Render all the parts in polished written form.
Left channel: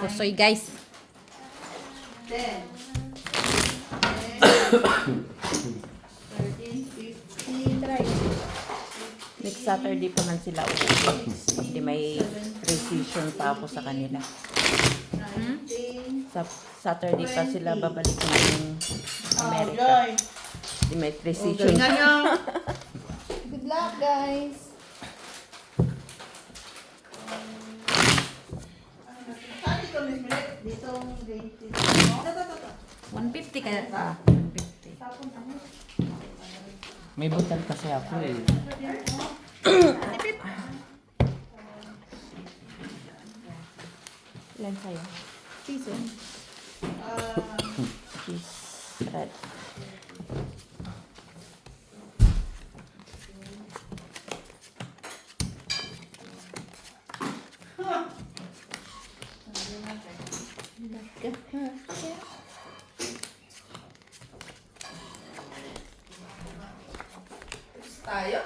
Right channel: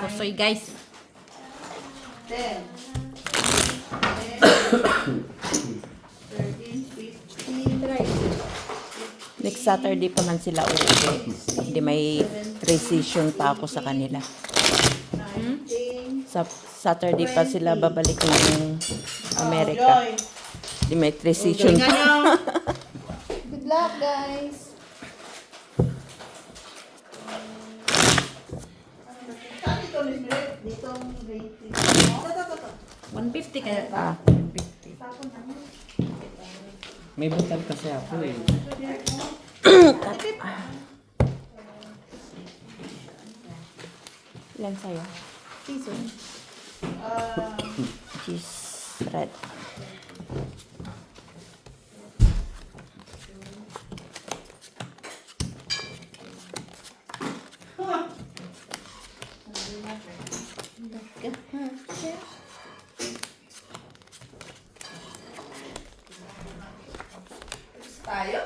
Pusoy guys. 10. 13, 15, Next Saturday pa man sila ulit. Hindi may precision pa ako sa kanila. 19. Sa Saturday pa sila babalik ng Amerika. Joy. Hindi may precision Galingan pa. nyo. Good luck, guys. Saan dito, Miss Miret? Dito, grade 3. Ito. 150 kaya. 150. Tapon naman. May butang kasi ako eh. Ilan sa'yo? Piso. Cheese bread. Tayo?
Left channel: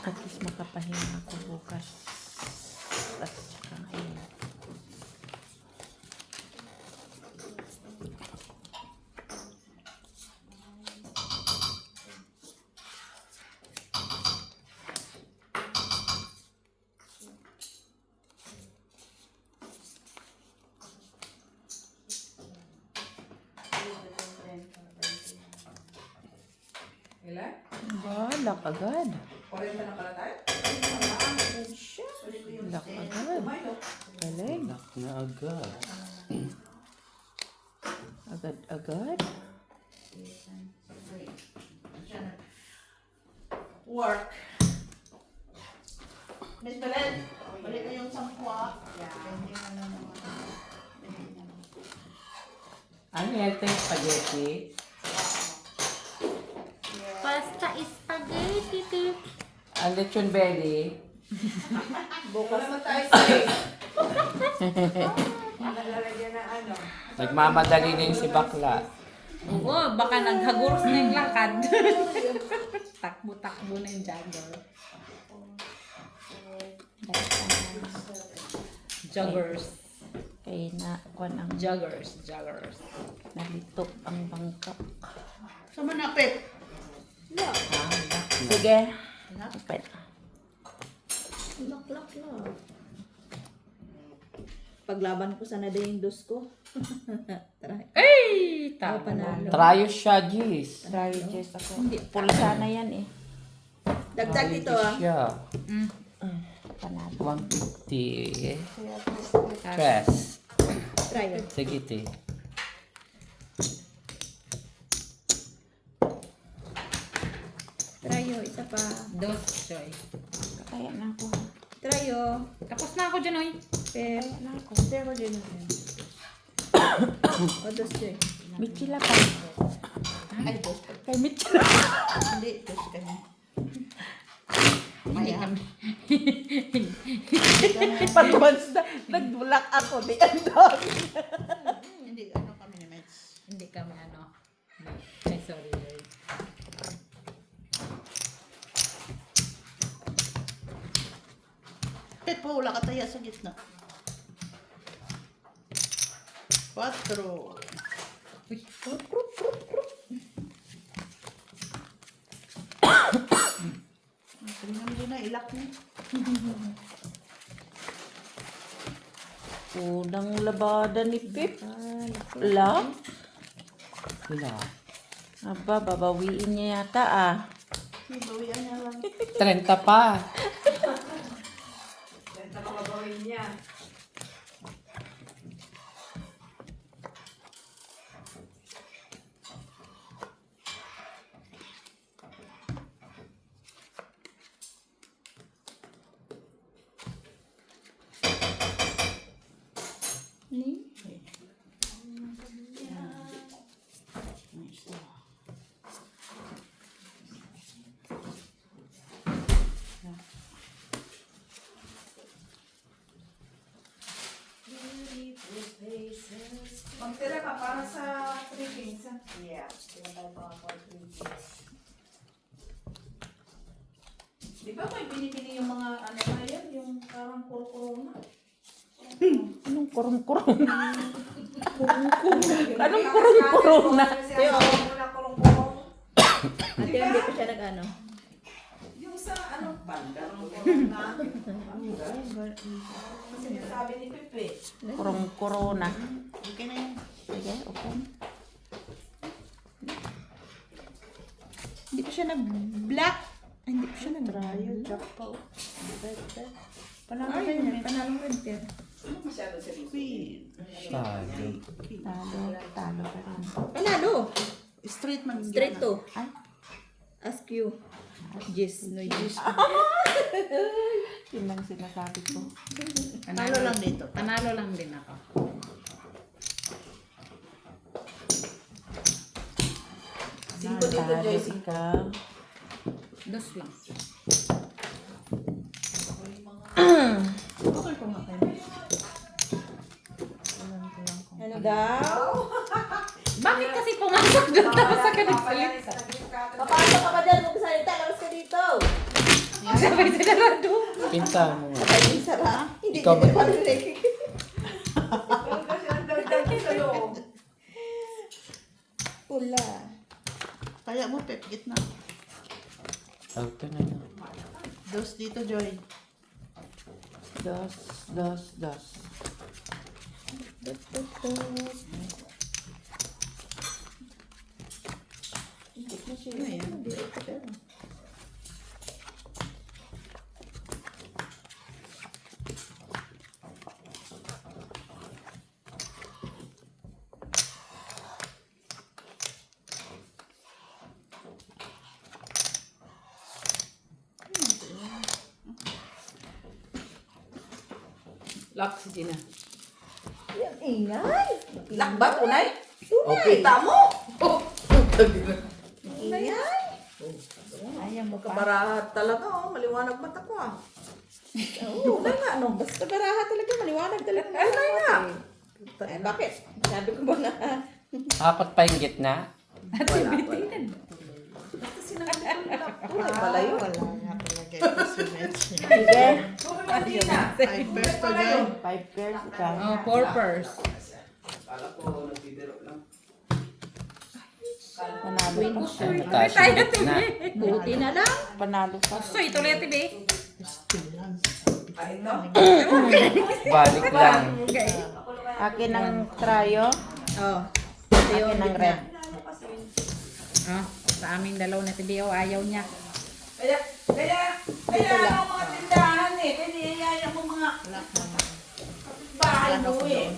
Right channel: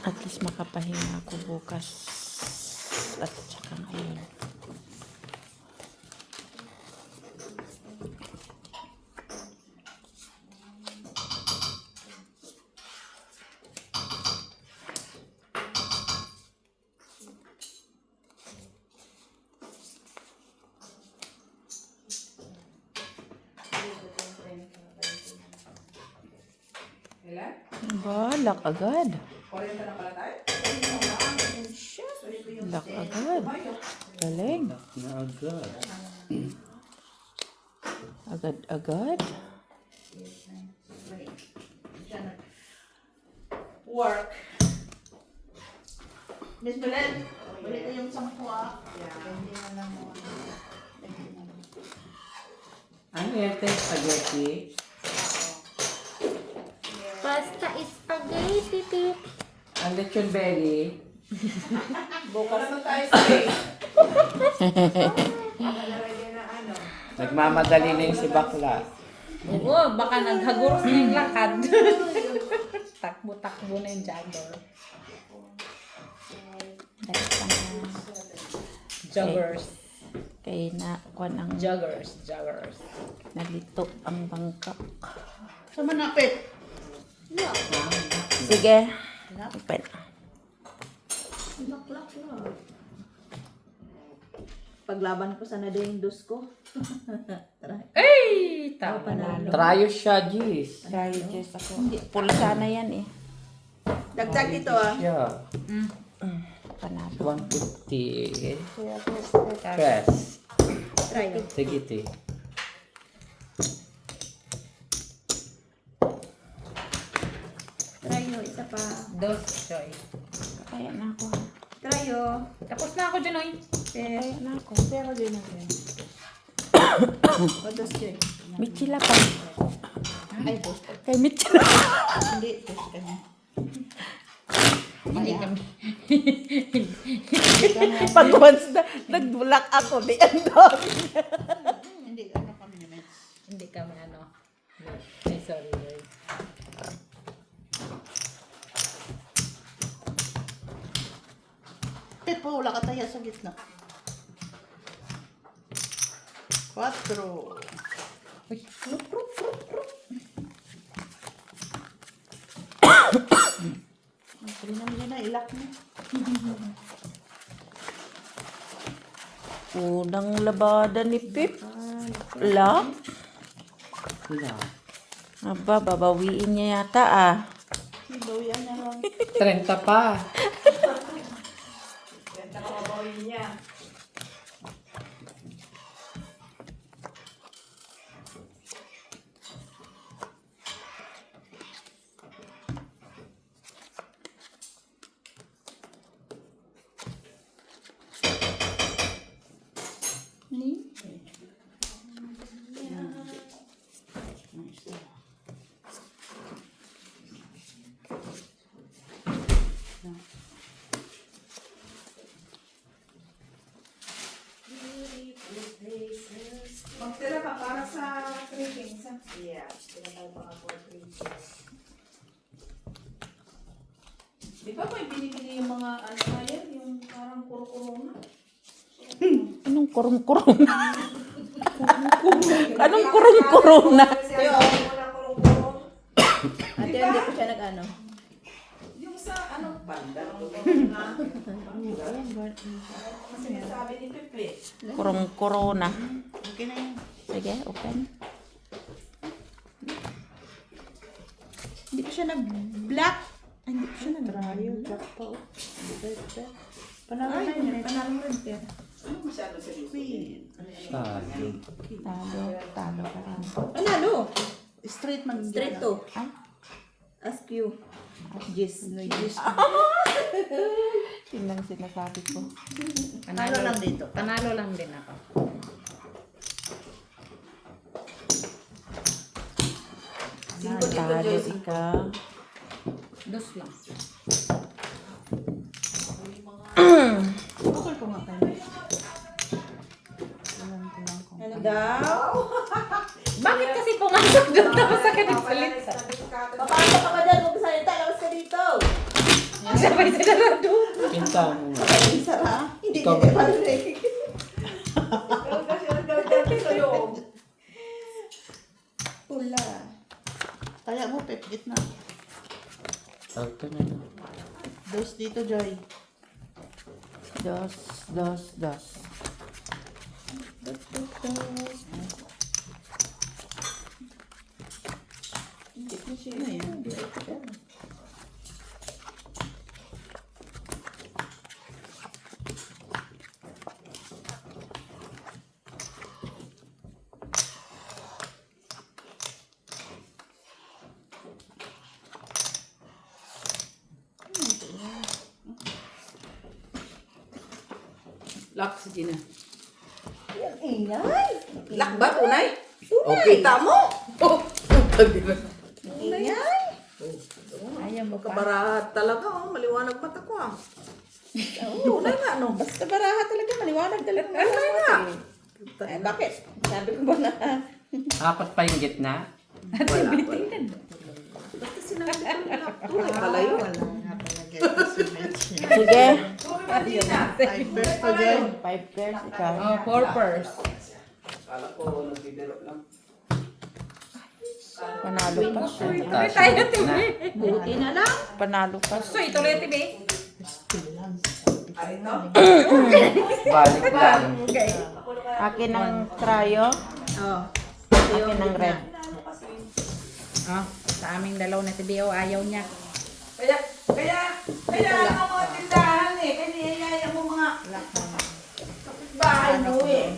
At least makapahinga ako bukas. At saka ngayon. Ilan? Balak agad. 40 na pala tayo? Balak agad. Galing. Na agad. Agad-agad. Work. Miss Belen, balik na yung 10 Hindi na lang mo. Ano yan? Spaghetti? Pasta spaghetti tip. Ang lechon belly? Bukas na tayo sa Nagmamadali na yung si bakla. Oo, baka naghaguros na yung lakad. Takbo-takbo na yung jogger. Joggers. Kaya na kuan ang Joggers. nalito ang bangka. Sa manapit. Sige. Open. Laklak lang. Paglaban ko sana din yung dos ko. Tara. Ay! Tama panalo. Trayo siya, Gis. Try just ako. Pulsa na yan eh. Dagdag ito ah. Siya. Panalo. 150. Try Tres. mo. Sige, te. Try mo. Isa pa. Dos, Joy. Kaya na ako. Try mo. Tapos na ako dyan, oy. Kaya na ako. Kaya ako din ako. O dos din. Michila pa. Ay, dos. Kay Michila. Hindi. Dos ka na. Hindi kami. Pag once na nagbulak ako, di ang dami. Hindi. Ano kami naman. Hindi kami ano. Ay, sorry, Joy. Kahit po wala ka tayo sa gitna. 4. Uy. Hindi na ilak mo. Unang labada ni Pip. La? Wala. Aba, babawiin niya yata ah. Bawian niya lang. 30 pa. Babawin niya. Di ba may binibili yung mga ano na yan, yung parang kuro-kuro na? Anong kurong-kurong? Anong kurong-kurong na? Ate, hindi ko siya nag-ano. Yung sa anong panda. Kasi nagsabi ni Pepe. Kurong-kurong na. Okay na yun. Sige, open. Hindi ko siya nag-black. Ay, hindi ko siya nag-rayo. Panalo na yun. Panalo rin siya. Ano masyado sa Shaggy. Talo. Panalo. Straight man. Straight to. Ask you. Jis. No, Jis. Yun lang sinasabi ko. Panalo lang dito. Panalo lang din ako. Cinco dito, Joy. Ikaw. Dos lang. Okay ko nga kayo. Ano daw? Bakit kasi pumasok doon ako sa kanagsalit? Papasok ka ba dyan? Magsalita. Labas ka dito. Sabay sinarado. Pinta mo. Ay, sara. Hindi Ikaw kita ba? parinig. Pula. Kaya mo, Pep, gitna. Auto na lang. Dos dito, Joy. Dos. Ano yan? Lock si Gina. Ang ingay. Lock ba, Unay? Okay, tamo. Oh, Ingay. Ayaw mo pa. kabarahat talaga, oh. Maliwanag mata ko, ah. Oo, Unay nga, no. Basta baraha talaga, maliwanag talaga. Unay nga. Eh, bakit? Sabi ko ba na? Apat pa yung gitna. Wala. Basta sinabi ko nila, tuloy pala yun. Sige. Tuloy Gina. First again. 5 pairs ikaw. Oh, 4 pairs. Panalo pa siya. Tuloy tayo, Tibi. Buti na lang. Panalo pa. So, ituloy, Tibi. Ay, no. Balik lang. Okay. Akin ang tryo. Oh. Akin ang red. Oh, sa aming dalaw na Tibi, oh, ayaw niya. Kaya ang mga tindahan eh. Kaya niyayaya mo mga bahay mo eh.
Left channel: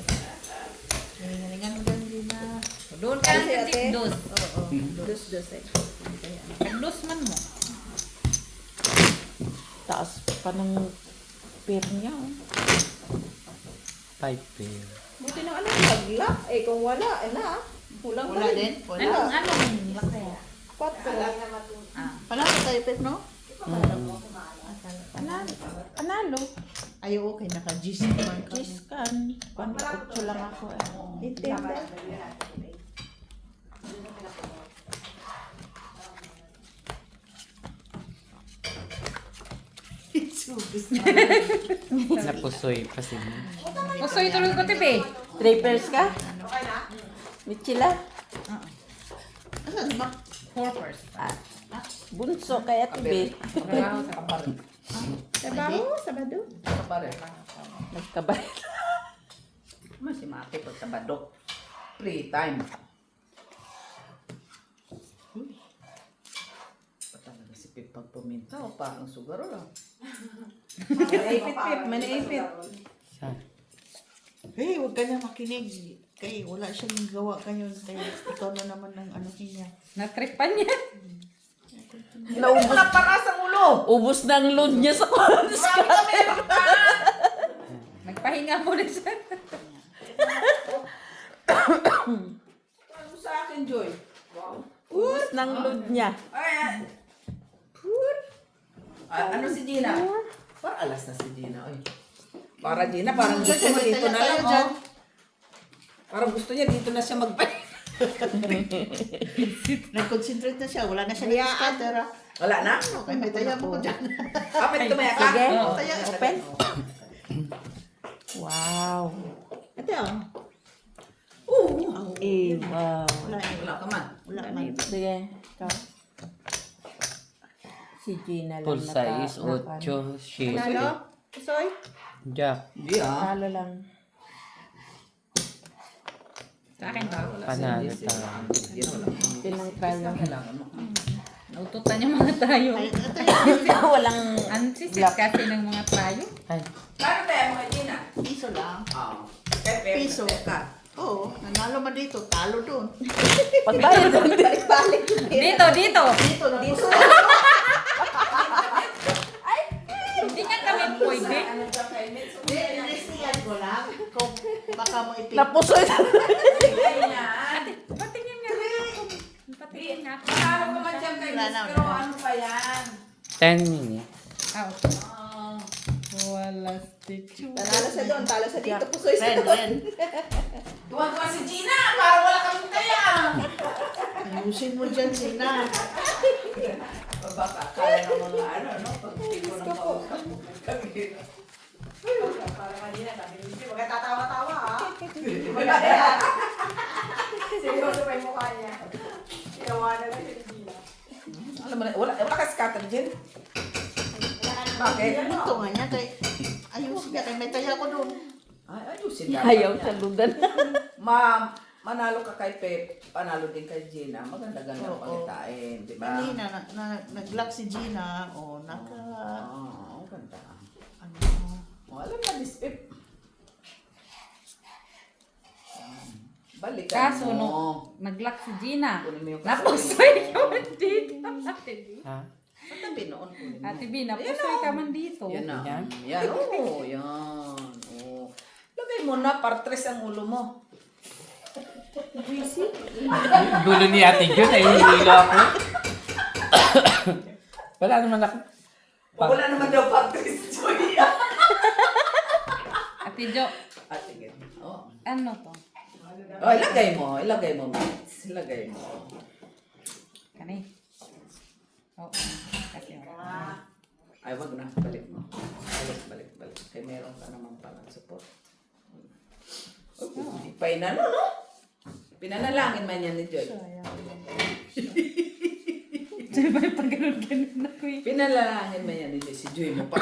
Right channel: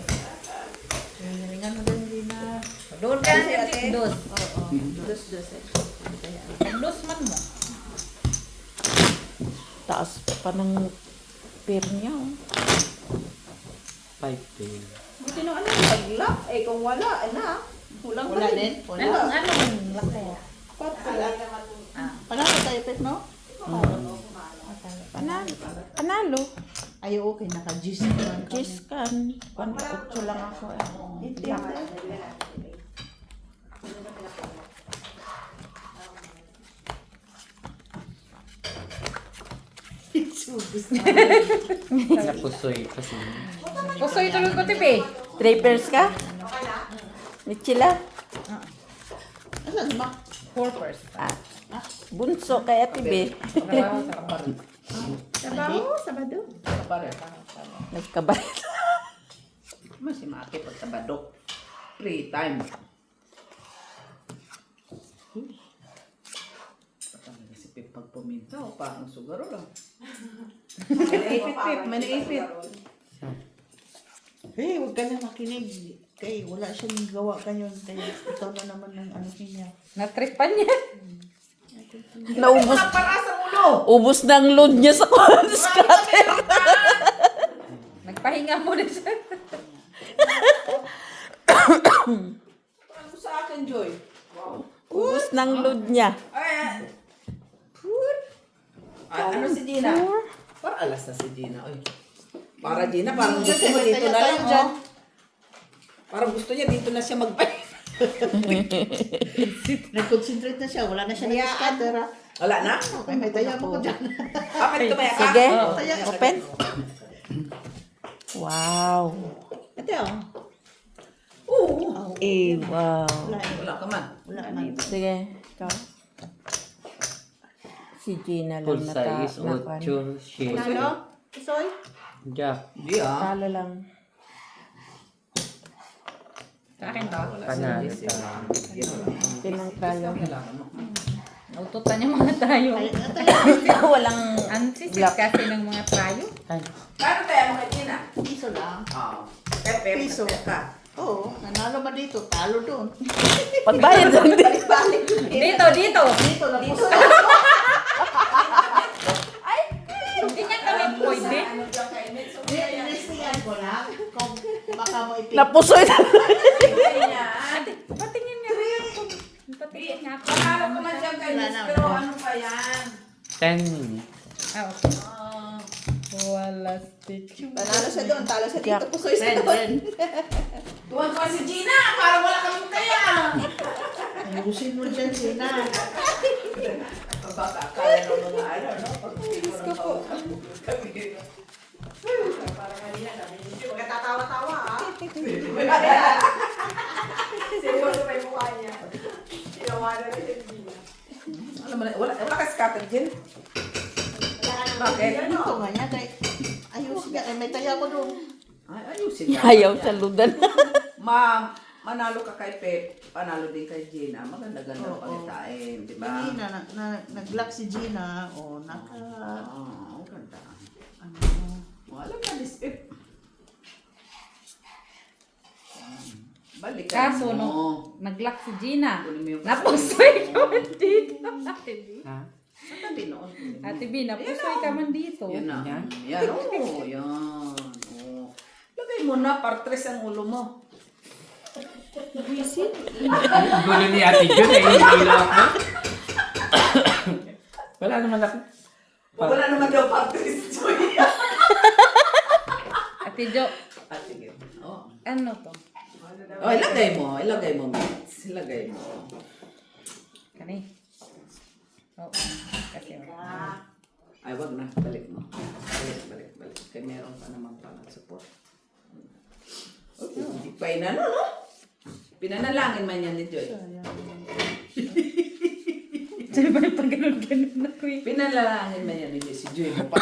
Galingan mo doon, Gina. Doon ka na, Tibi. Dos. Dos eh. Pag-dos man mo. Taas pa ng pair niya. 5 pair. Buti na ano, nag-lock. Eh, kung wala, ano? Kulang pa rin. Anong laki? Pat pala. Ah. Panalo tayo, Pep, no? Panalo. Ay, okay. Naka-gis naman kami. Cheese kan. 8 lang ako. Hindi. Napusoy pa siya. Gusto ituloy ko, Tibi. 3 pairs ka? Michila? Asan ba? 4 pairs. Bunso kaya tibi. Trabaho sa kapal. Sabado. Nagkabalit. Mas si Mate o Sabado. Free time. Patang si Pip pag puminta o parang sugaro lang. May naipit. Hey, huwag ka na makinig. Kay wala siyang gawa kayo. Kaya ikaw na naman ang ano niya. Natripan niya. Naubos. Para sa ulo. Ubus na ang load niya sa scatter. Nagpahinga mo na siya. Ano sa akin, Joy? Ubus na ang load niya. Ay. Ano si Gina? Para alas na si Gina. Oy. Para Gina, parang gusto mo dito na lang, oh. Parang gusto niya dito na siya magpahinga. Nag-concentrate na siya. Wala na siya niyaan. Wala na? Okay, may tayo mo dyan. Apat tumaya ka? Sige, Oo. open. Wow. Ito ah. Oo. Iba. Wala ka man. Wala man. Sige, ikaw. Si Gina lang Full size, nakuha. 8 sheet. Ano? Soy? Jack. Hindi ah. Talo lang. Sa akin to. Panalo. Pinang talo. Naututan yung mga trayo. Walang Ang sisit kasi ng mga trayo. Ay, Kano kaya mo Gina? Piso lang. Oo. Piso pa. Oo. Nanalo ba dito? Talo doon. pagbayad doon. Balik-balik. Dito, dito. Dito lang. Dito. Hindi nga kami pwede. Inistigan ko lang. Kung baka mo ipin. Napusoy na. Ate, patingin nga rin ako. Patingin nga ako. Parang naman dyan kay Miss, pero ano pa yan? 10 minutes. Ah, okay. Wala stick. Panalo sa doon. Talo sa dito. Pusoy sa doon. Tuwan-tuwan si Gina, parang wala kami kaya. Ayusin mo dyan, Sina. Baka kaya ng mga ano, no? Pag-ibig mo ng para malina kami. Hindi mo katatawa-tawa, ha? Seryoso pa yung mukha niya. Tinawanan na si Gina. Alam mo na, wala ka scatter dyan. Bakit? Ito nga niya. Ayusin niya. Ay, may tayo ako doon. Ay, ayusin na. Ayaw saludan. Manalo ka kay Pep, panalo din kay Gina. Maganda-ganda ang palitain, di ba? Hindi nag-lock si Gina. O, Oo, ang ganda. ano, Alam ka, this Pep. Balik ka Kaso, mo. no, nag-lock si Gina. Kunin mo yung Napusoy ka man dito. Ate B. Ha? Sa tabi noon. Ate B, napusoy ka man dito. Yan na. Yan? Yan. Oo, yan. Oo. Lagay mo na, partres ang ulo mo. Gulo ni Ate Jun eh, hindi lang ako. Wala naman ako. Wala naman daw partres, Joy. Ate Jo, Sige. Oo. ano to? Oh, ilagay mo, Mitz. Ilagay mo. Kani. Oo. Kasi Ay, wag na. Balik mo. Balik. Kaya meron ka naman palang support. Oh, hindi pa inano, no? Pinanalangin man yan ni Joy. Diba yung pag ganun-ganun ako eh. Pinanalangin man yan ni Joy. Si Joy mo pa.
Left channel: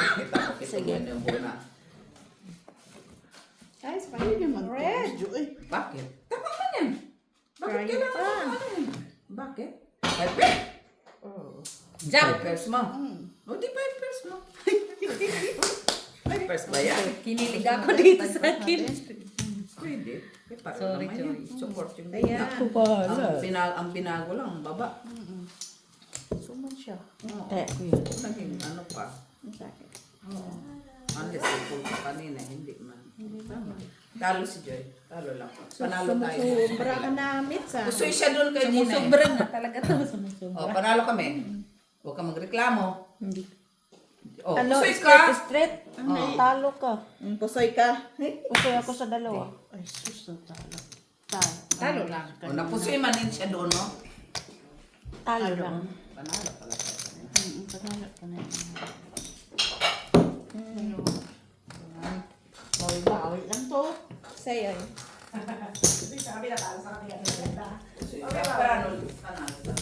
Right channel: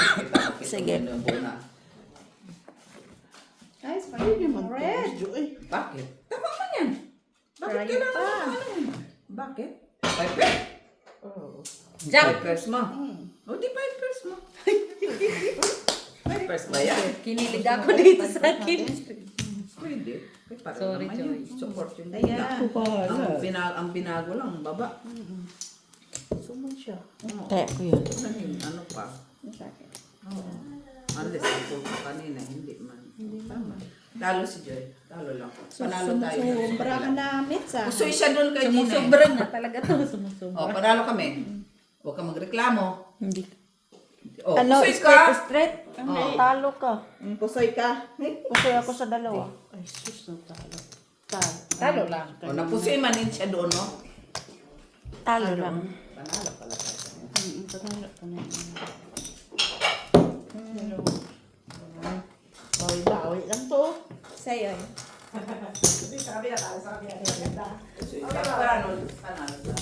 Sige. Yung una. ay, spaghetti naman. Red. Joy. Bakit? Tama man yan. Bakit kailangan mo naman yan? Bakit? Pepe? Oh. Jack! Peppers mo. O, di peppers mo. Peppers ba yan? Kinilig ako dito sa akin. Pwede. Pareho Sorry, naman Joy. yun. Support yung Ayan. ang binago lang, ang baba. Sumunod siya. Oo. Tayo yun. Ano pa? Unless ako kanina, hindi man. Tama. Talo si Joy. Talo lang. Panalo tayo. Sumusobra ka namin sa. Gusto siya doon kay Gina. Sumusobra na talaga to. Sumusobra. O, panalo kami. Huwag ka magreklamo. Hindi. O, Ano, gusto ka. straight? Oo. Talo ka. Pusoy ka. Pusoy ako sa dalawa. Ay, sus, ang talo. Talo lang. O, napusoy man din siya doon, no? Talo lang. Panalo pala tayo. Panalo ko na yun. Bawi-bawi lang to. Sayaw. Pusoy ka. Panalo. Panalo.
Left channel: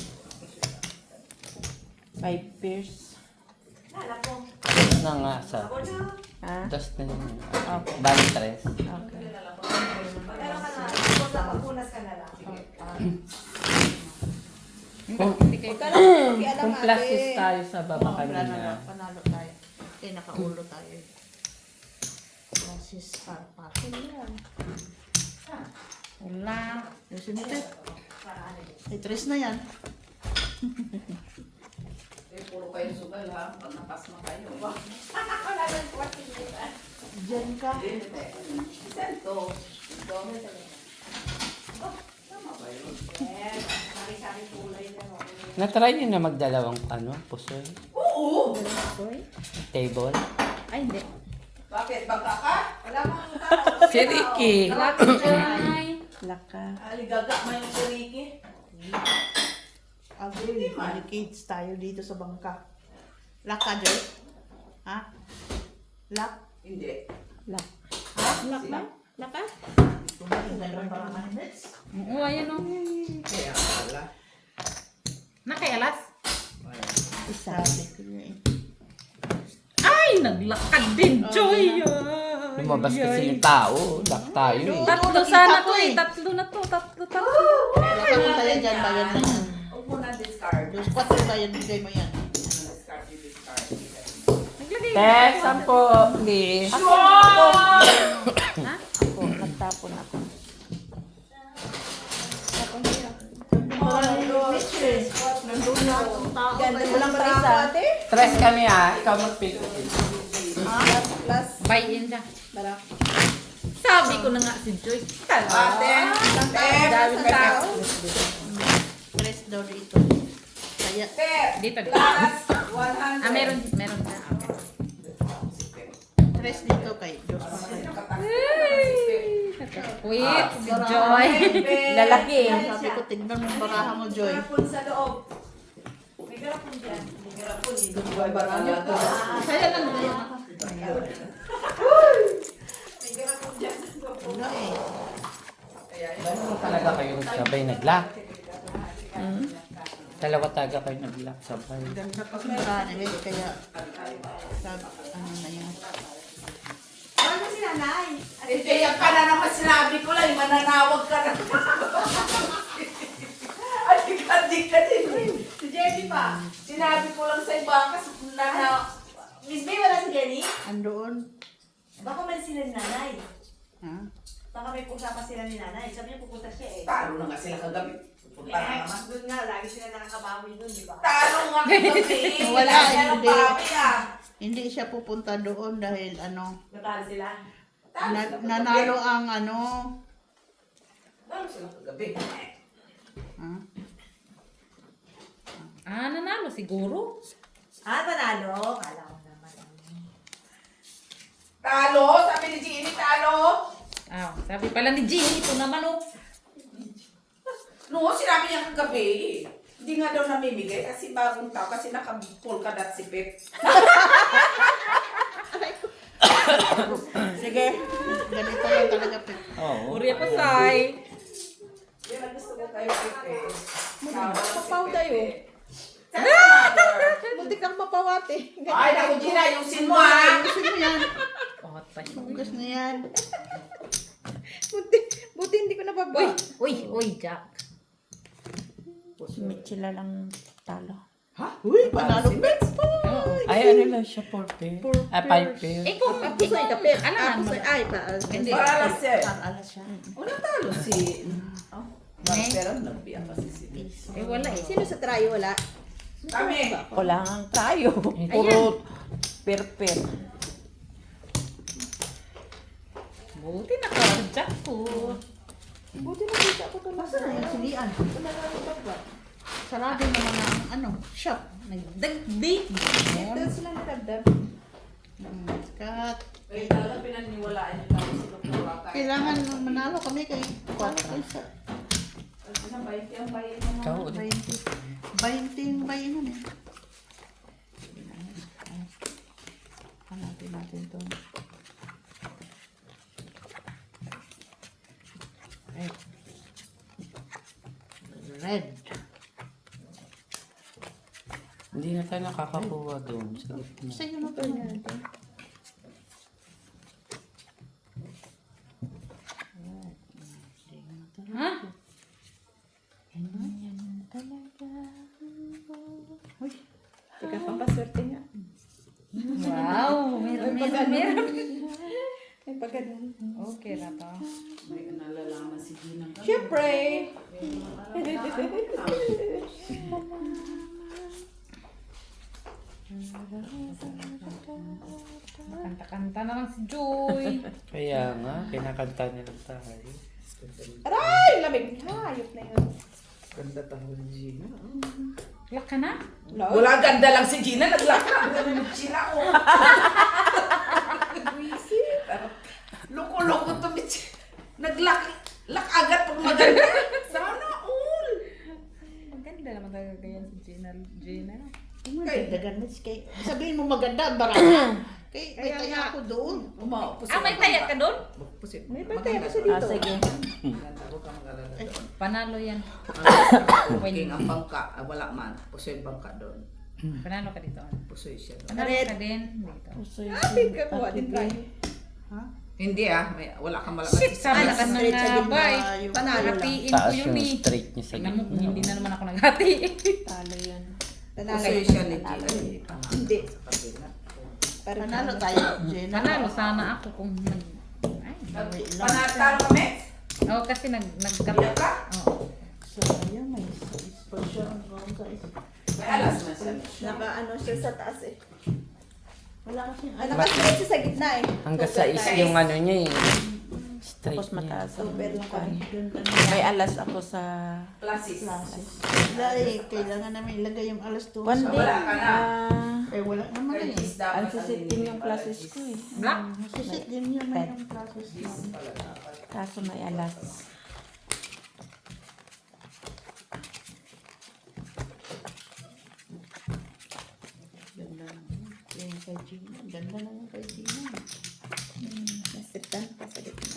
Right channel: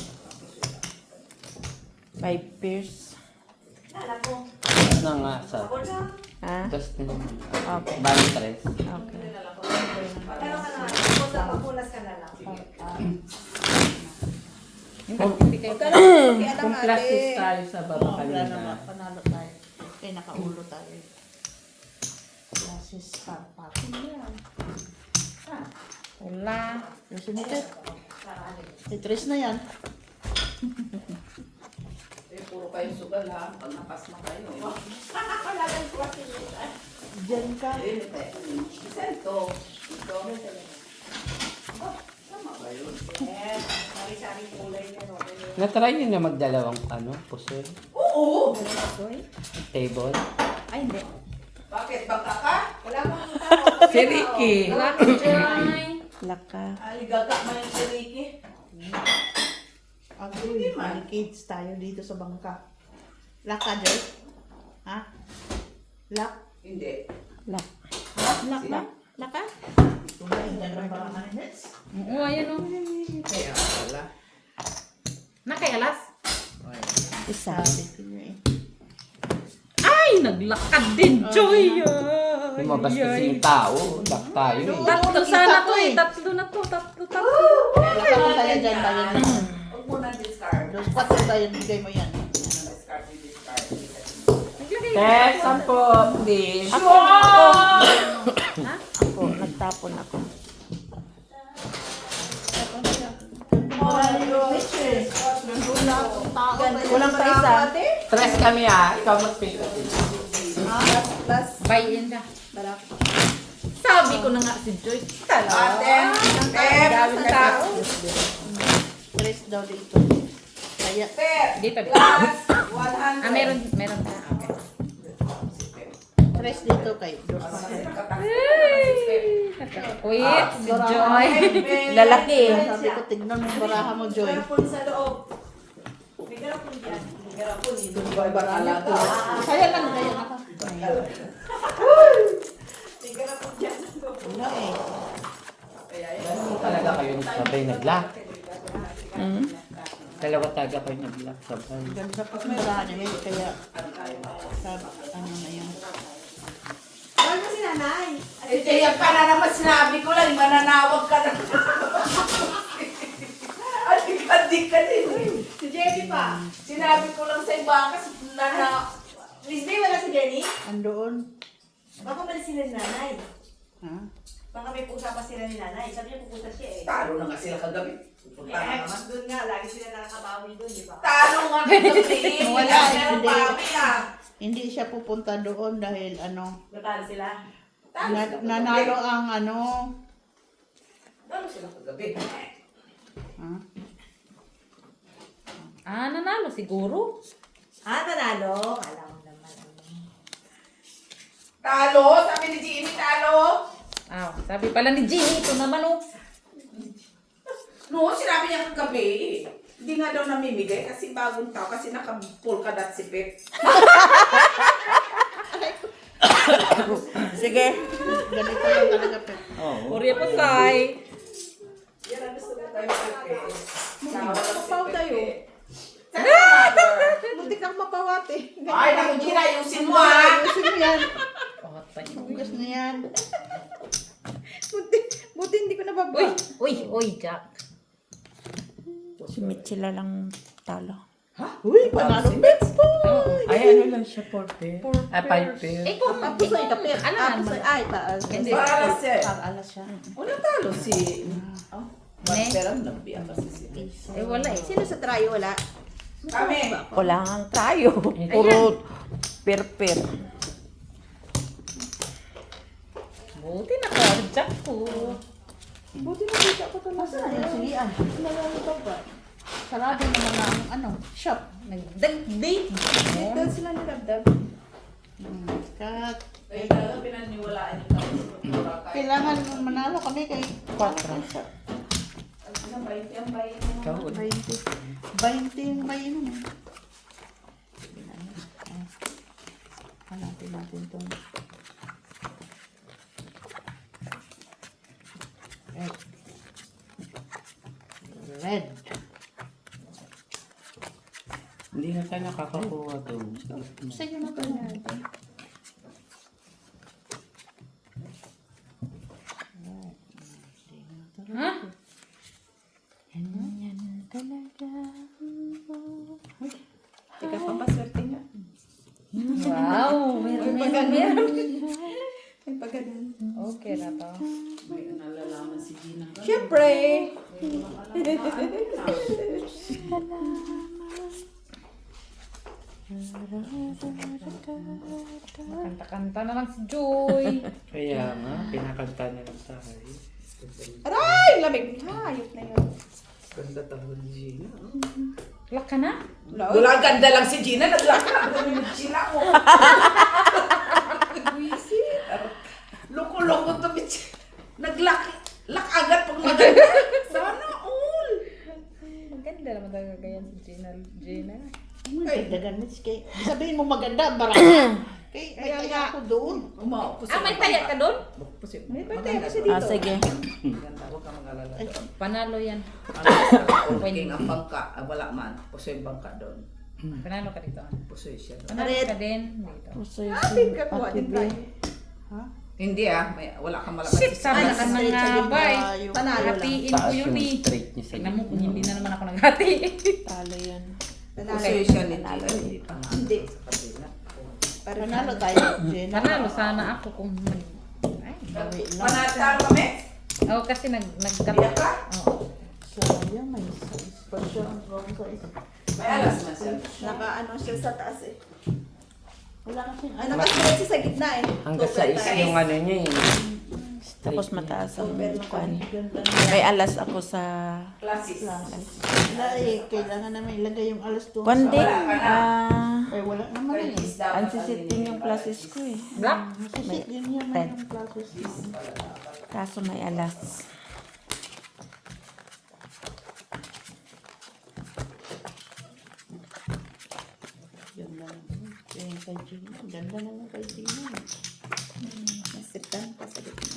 5 pairs. Ano nga sa... Ha? Dos na yun. Okay. Bali 3. Okay. Hindi kayo Kung classes tayo sa baba Wala kanina. naman. Panalo tayo. Okay, nakaulo tayo. Basis pa. Pakin yan. wala. Yung Tetris na yan. Puro kayo sugal, ha? Pag napasma kayo. Diyan ka. Sento. Tama ba yun? Natry niyo na magdalawang pusoy? Oo! Table? Ay, hindi. Bakit? Baka ka? Wala mo Si Ricky! Wala ko dyan. Laka. Aligaga man yung sariki. Agoy, kids tayo dito sa bangka. Laka, Joy. Lock. Hindi. Lock. Lock na. Lock ka? Oo, ayan o. Kaya pala. Nakaialas? Isa. Ay, naglakad din, Joy. Ay, Lumabas ay, kasi ay. yung tao. Ba't tayo eh? Tatlo sana to eh. Tatlo na to. Tatlo. Lakad tayo dyan. Tayo na. Huwag mo na discard. Dos patlo tayo. Bigay mo yan. Discard. Naglagay. Tess, sampo, please. Ha? Ako, nagtapon ako. Walang pa isa. Stress kami ikaw mag-pick. Buy in na. Sabi ko na nga si Joy. Ate, Daming tao. Press daw dito. Kaya. Dito. Last 100. Ah, meron ka. Okay. Press dito kay. Wait, si Joy. Lalaki. Sabi ko, tignan mo yung baraha mo, Joy. Boy, batala to. Kaya lang kayo. Wala eh. Talaga kayo sabay nag-lock. Hmm? Dalawa taga kayo nag-lock sabay. Ganda pa sa baraha niya. Kaya, sabi, ano na yun. Kaya ka na naman sinabi ko lang, mananawag ka na. Adik ka din. Si Jenny pa. Sinabi ko lang sa iba kasi Miss May, wala si Jenny? Andoon. Baka mali sila ni nanay. Ha? Baka may usapan sila ni nanay. Sabi niya pupunta siya eh. talo na nga sila kagabi. Pupunta na naman. Doon nga, lagi sila nakakabawi doon, di ba? Talo nga kagabi. Wala na ng Hindi. babi ah. Hindi siya pupunta doon dahil ano, Natalo sila. nanalo ang ano, Talo sila kagabi. ha? Ah, nanalo siguro. Ah, nanalo? Kala mo naman. Talo? Sabi ni Jeannie, talo? Ah, sabi pala ni Jeannie, ito naman oh. No, sinabi niya kagabi. Hindi nga daw namimigay kasi bagong tao kasi naka-polka dot si Pep. Sige. Ganito lang talaga. Pep. Uri pa say. Yan ang gusto ko kayo Pep. Mapaw tayo. Buti kang mapawate. Ay, naku Gina, ayusin mo ah. Ayusin mo yan. Oh, tayo. Hugas na yan. Buti hindi ko nababa. Uy, Jack. Si Mitchell lang talo. Uy, panalo Pep. Oo. Ay, ano lang siya, 4 pair? Ah, 5 pair. Eh, kung alam mo. Ay, taas. Hindi. Para alas eh. Para alas siya. Una talo si... Oh, Marcela, nagbiya kasi si Eh, wala eh. Sino sa try? Wala. Kami. Wala nga tayo. Puro per-per. Buti naka-jack ko. Buti nakita ko ito lang. Silian. Sarado na naman ang ano, shop. Nagdagday. Doon sila nalabdab. Kat. Kaya talaga pinaniwalaan yung kami sa kultura. Kailangan manalo kami kay sa Ano ba yung bayad mo? Ikaw, 20 may ano na. Hanapin natin ito. Red. Red. Hindi na tayo nakakakuha doon. Sa'yo na ba ito? Ha? Teka, pampaswerte nga. Wow, meron. May pagkanan. Okay na to. May nalalaman si Gina. Siyempre! Kanta-kanta na lang si Joy. Kaya nga, pinakanta na lang tayo. Aray! Lamig. Hayop na yun. Ganda tamo ni Gina. Lock ka na? Wala, ganda lang si Gina. Nag-lock na. Ganda ni Gina. Oh. Loko-loko to. Nag-lock. Lock agad pag maganda. Sana all. Maganda naman talaga ganyan si Gina. Dagdagan mo. Sabihin mo maganda, baraha. May taya ako doon. May taya ka doon? May taya kasi Ah, sige. Maganda, huwag ka mag-alala doon. Panalo yan. King ang bangka, wala man. Pusoy bangka doon. Panalo ka dito. Pusoy siya doon. Panalo ka din dito. Atin ka kuha din tayo. Hindi wala kang malakas. Shit, sabi ko na nga ba eh. Panalo lang. Hatiin ko yun eh. straight niya sa Tingnan mo kung hindi na naman ako naghati. Talo yan. Pusoy siya ni King. Hindi. Sa kabila. Panalo tayo, Jen. Panalo sana ako kung mag... Ay. Panatalo kami? Oo, kasi nagkat... Biyak ka? Oo. So, yan, may size pa siya. Wrong size. May alas na siya. Naka-ano siya sa taas eh. Wala kasi. Naka-straight siya sa gitna eh. Hanggang sa is yung ano niya eh. Straight Tapos niya. mataas So, ang pero kuwan. ganda na. May alas ako sa... Classes. Wala eh. Kailangan namin ilagay yung alas doon. One day, Wala ka na. Eh, wala naman eh. ang sisiting yung classes ko eh. Black? Kasi din yan na yung classes. Kaso may alas. Yung yung kay Gina. Ganda na lang kay Gina. Nasitan pa sa gitna.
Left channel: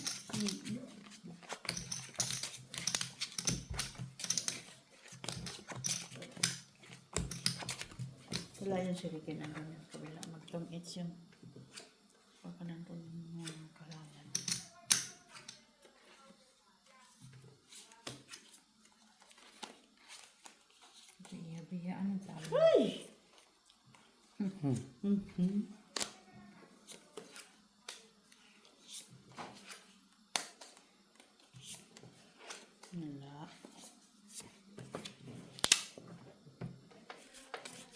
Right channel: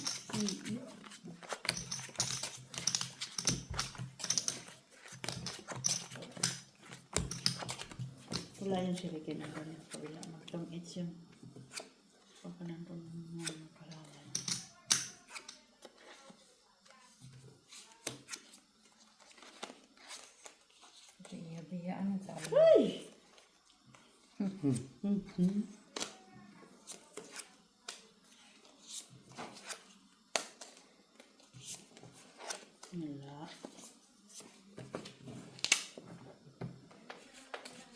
Wala yung sirikin ng ganyan. Kabila mag-its yung pagkanang po ng mga kalawan. Biya-biyaan ang sabi. Ay!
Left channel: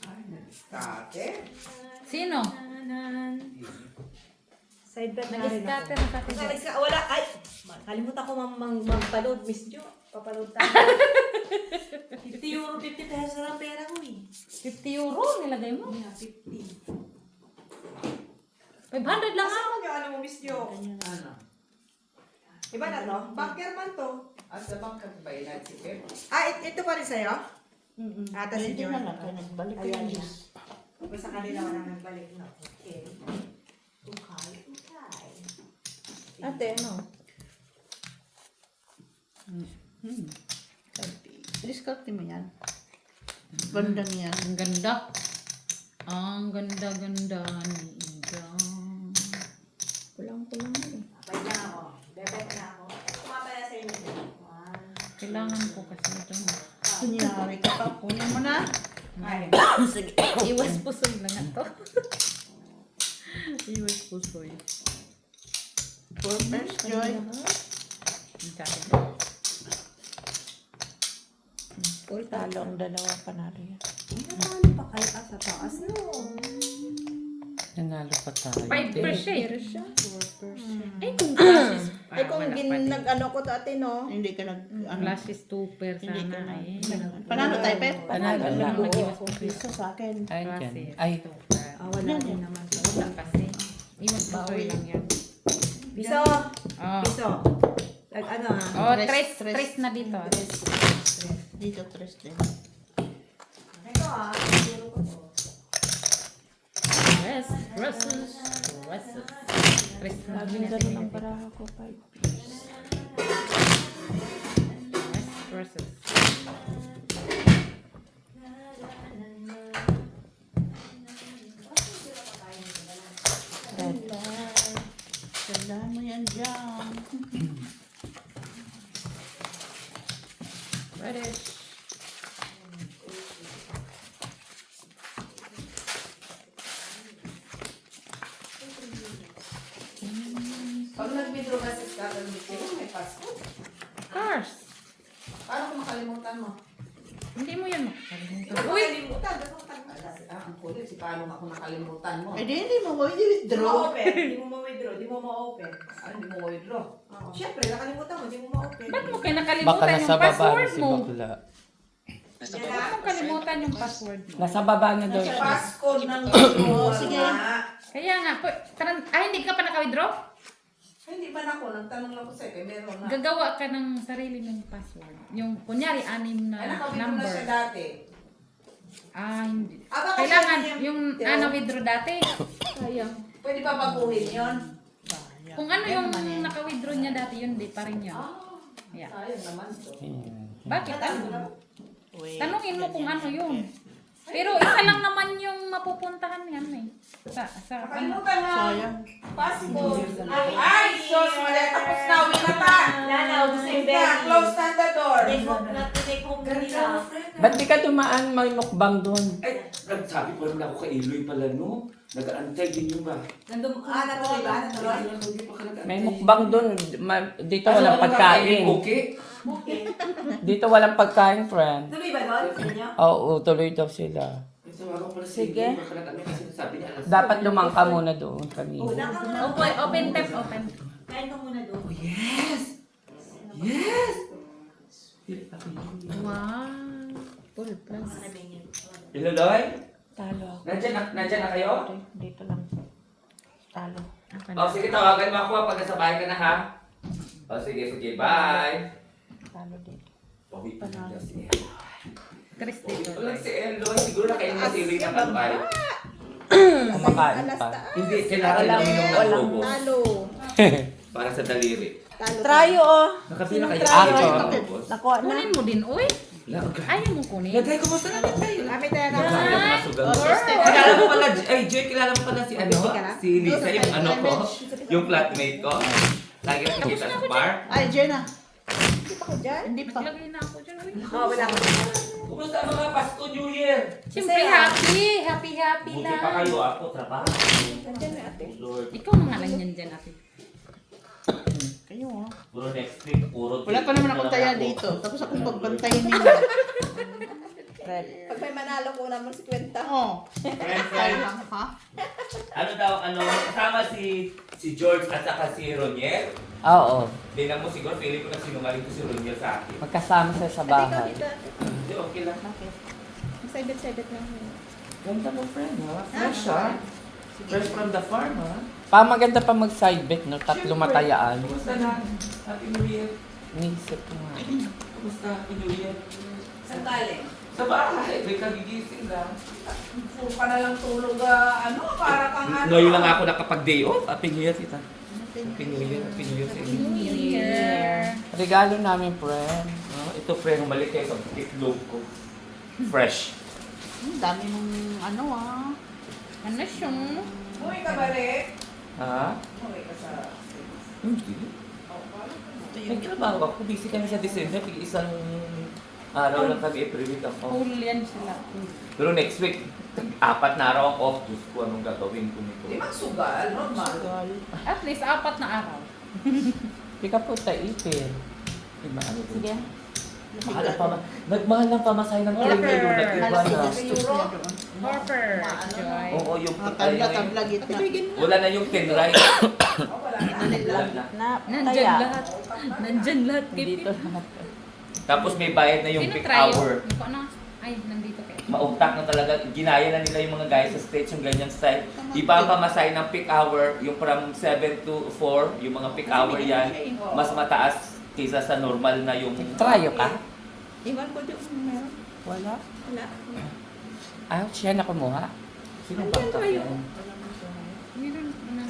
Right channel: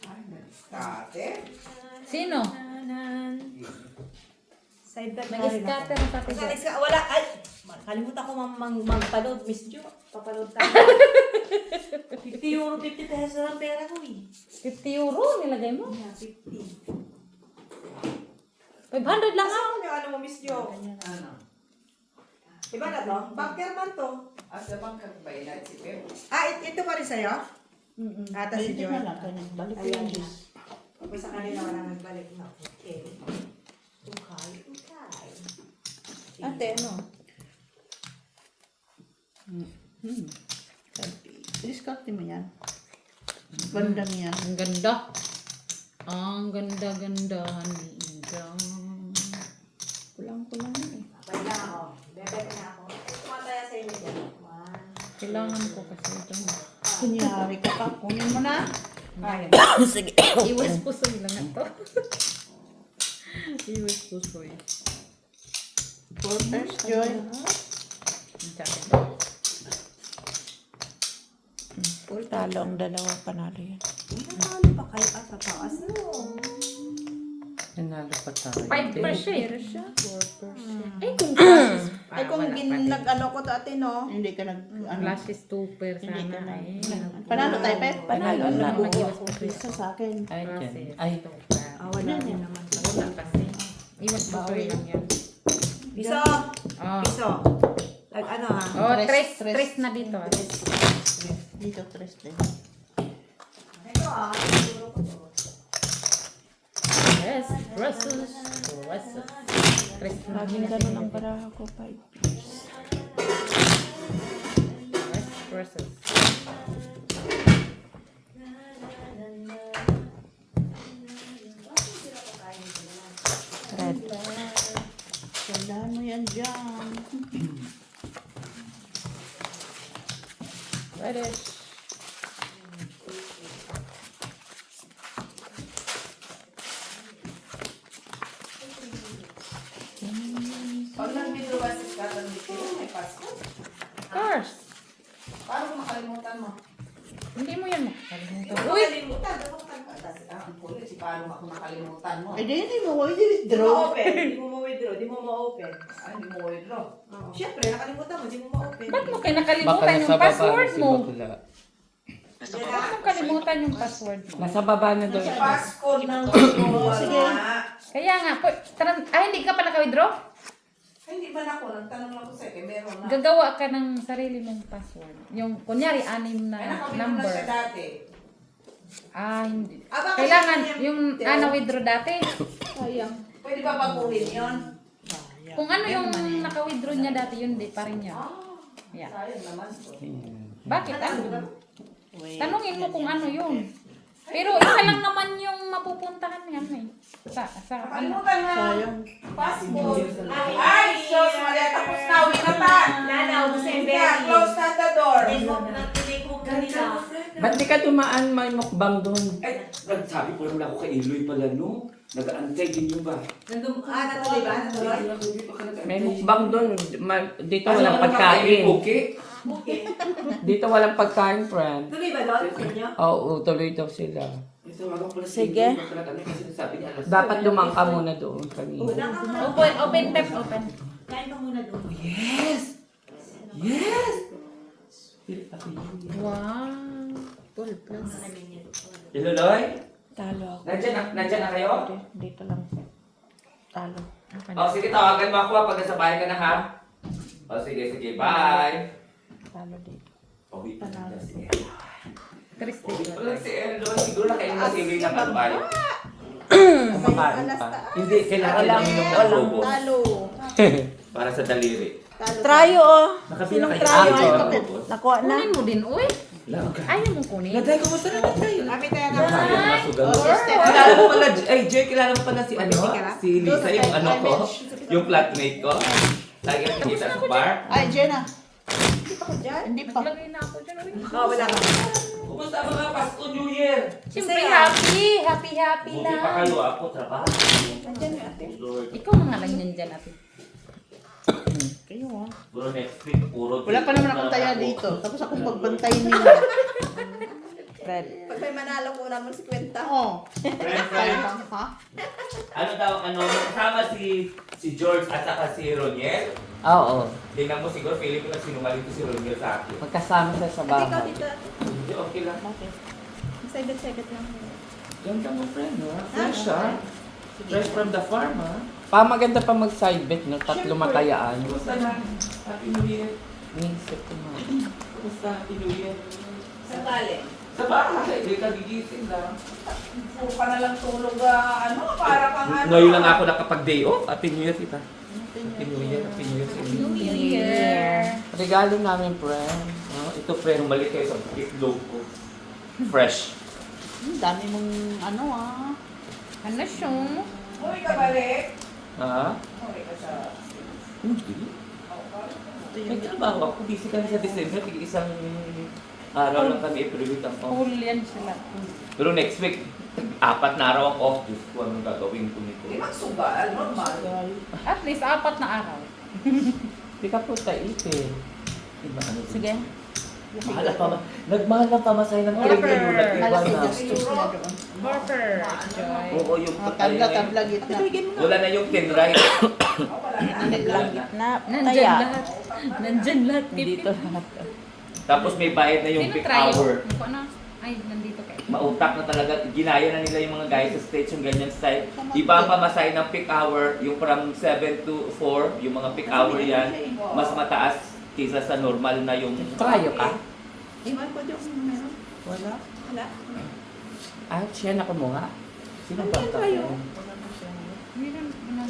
Wala. Kate? Sino? Sidebar Nag-scatter ang sabi dyan. Wala. Ay, kalimutan ko magpa-load, Miss Jo. Papaload tayo. 50 euro, 50 pesos lang pera ko eh. 50 euro nilagay mo? Yeah, 50. 500 lang ha? Saan yung ano mo, Miss Jo? Ano? Iba na to? Bunker man to. Asa bang kagbaylan si Pep? Ito pa rin sa'yo? Ah, tas si Pwede Jo. na lang. Kaya nagbalik ko Ayan yung na. Kapag sa kanila wala nagbalik na. Okay. Okay. Ate, ano? Diskarte mo yan. Ganda niya. Ang ganda. Ang ganda-ganda ni Ida. Kulang-kulang na eh. Bye na ako. Bebek na ako. Kumataya sa inyo dyan. Kailangan ko kasi ito. Kunyari ka pa. Kunin mo na. Sige. Iwas pusoy lang ito. Iwas pusoy. Quarters, Joy. Ang sabi. Talo ang dalawa, panalo yan. Natalo pa kayo sa taas, no? Nanalo pa tayo. 5%. Ay, kung Ay, classes. kung wala pa din. nag-ano ko dati, no? Hindi ka nag... Ano, Classes 2 hindi ka sana na. eh. Panalo tayo, Pet? Panalo Ano lang. nag-iwas pusoy? Isa sa akin. Ay, Classes dyan. Ay, 2. Wala din naman. Wala kasi. Iwas pusoy lang yan. Piso! Oh. Piso! Ano ha? Oh, Tres, tres na dito. Dito, tres din. Ito ah. Siguro ko to. Yes, dresses. Tres na Maging dito. ganun para ako 5 years. Dresses. Red. Ganda mo yan dyan. Reddish. Pag nag-video ka sa Scotland City, may Pasko. Of course. Paano kung makalimutan mo? Hindi mo yan makakalimutan. Uy! Uy! Kalimutan. Dapat tagpatas. Ang kulit, paano ako nakalimutan mo? Eh, hindi mo. Hindi Di mo withdraw. ma-open. Di mo ma-withdraw. Di mo ma-open. Ay, hindi mo withdraw. Siyempre, nakalimutan mo. Di mo ma-open. Ba't mo kayo baka nakalimutan nasa yung baba password si mo? Bakla. Ba't mo kalimutan yung password mo? Nasa baba na daw. Pasko ng Sige. Kaya nga, hindi ka pa naka-withdraw? Ay, hindi ba na ako? Nagtanong lang ko sa'yo, kaya meron na. Gagawa ka ng sarili mong password. Yung, kunyari, 6 na Ay, nakamit mo na number. siya dati. Hindi. baka Kailangan sabi niya, yung withdraw dati. Sayang. Pwede ba baguhin yun? Kung ano yung naka-withdraw niya dati, yun di pa rin yun. Yeah. Sayang naman. Bakit? Ano? Tanungin mo kung ano yun. Pero isa lang naman yung mapupuntahan yan eh. Sa ano? Kalimutan na. Possible. Ay, Diyos, Maria, tapos na. Uwi na ta. Lalaw sa Uwi na. Close na the door. Take home na nila. Ba't di ka dumaan may mukbang doon? Ay, nagsabi po naman ako kay Eloy pala, no? Nag-aantay din nyo ba? Natuloy ba? Natuloy? May mukbang doon. Dito Ano walang pagkain. Okay? Dito walang pagkain, friend. Tuloy ba doon sa inyo? Oo, tuloy daw sila. May tawagan pala si Sige. Eloy. Baka nag-ano kasi sabi niya alas. Dapat lumangka muna doon kami. Open tap, open. Kain ka muna doon. Yes! Yes! Wow. Hello, Loy? Talo. Nandyan na kayo? Dito lang. Talo. O, sige, tawagan mo ako pag nasa bahay ka na, ha? O, sige, bye! Talo dito. Pauwi pa lang si Eloy. Chris Pauwi dito. pa lang si Eloy. Siguro nakainin na si Eloy na pagbalik. Kumakain pa. Hindi, kailangan lang uminom ng robos. Talo. Para sa daliri. Trayo oh. Nakapila kayo. Trayo. ng robos. Nakuha na. Kunin mo din, uy. Ayaw mo kunin. Naday, kumusta naman tayo? Lapit na Sabi na. ng mga sugal. Kilala mo pala, ay Jay, kilala mo pala si ano? Si Lisa, yung ano ko, yung flatmate ko. Lagi nakikita sa bar. Ay, Jenna. Hindi pa ko dyan. Hindi pa. Naglagay na ako dyan, uy. Wala ka. Kumusta mga Pasko New Year? Siyempre, happy Buti pa lang. kayo, ako trabaho. Lord, Ikaw na nga lang yan dyan, ate. Kayo oh. puro next week, puro Wala pa naman akong taya dito. Tapos akong pagbantayin nila. Red. Pag may manalo ko naman si Kwenta. Oo. Friend, Ha? ano daw, kasama si George at saka si Roniel. Oo. Tingnan mo siguro, feeling ko na sinungaling ko si Roniel sa akin. Magkasama siya sa bahay. Hindi, okay lang. Sabit-sabit lang. Ganda mo, friend, ha? Fresh, ha? Fresh from the farm, ha? Maganda pa mag-side bet, no? Tatlo matayaan. Kumusta na? Happy New Year. Nisip ko nga. Kumusta? Happy New Year. Sa galing. Sa bahay, may kagigising lang. Kung pa na lang tulog, para kang ano. Ngayon lang ako nakapag-day off. Happy New Year, tita. Happy New Year, Happy New Year. New Year. Regalo namin, friend. Oh, ito, friend, bumalik kayo sa itlog ko. Fresh. Ang dami mong ano ah. Ano siya? Uwi ka balik. Ha? Uwi ka sa... Hindi. May trabaho ako. Busy kami sa December. Isang araw lang kami. Every week ako. Full yan sila. Pero next week, 4 na araw ako. Gusto ko anong gagawin ko nito. Di magsugal, normal. At least 4 na araw. Hindi ka po taipin. Sige. Mahal pa. Nagmahal ng pamasahe ng Order. train. Malaki gastos niya doon. Harper. Joy. Oo, yung Mga tabla-tabla gitna. wala na yung tin right. Wala na. Na, Nandyan taya. lahat. Nandyan lahat. Dito lahat. Tapos may bayad na yung Sino peak tryo? hour. Yung ano? Ay, nandito kayo. Mautak na talaga. Ginaya na nila yung mga guys sa stage yung ganyan style. Iba ang pamasahe ng peak hour. Yung from 7 to 4, yung mga peak hour yan, mas mataas kaysa sa normal na yung... Trayo ka? Iwan ko doon. Meron? Wala. Wala. Ah, siya na kumuha. Sino ba? Meron mo nang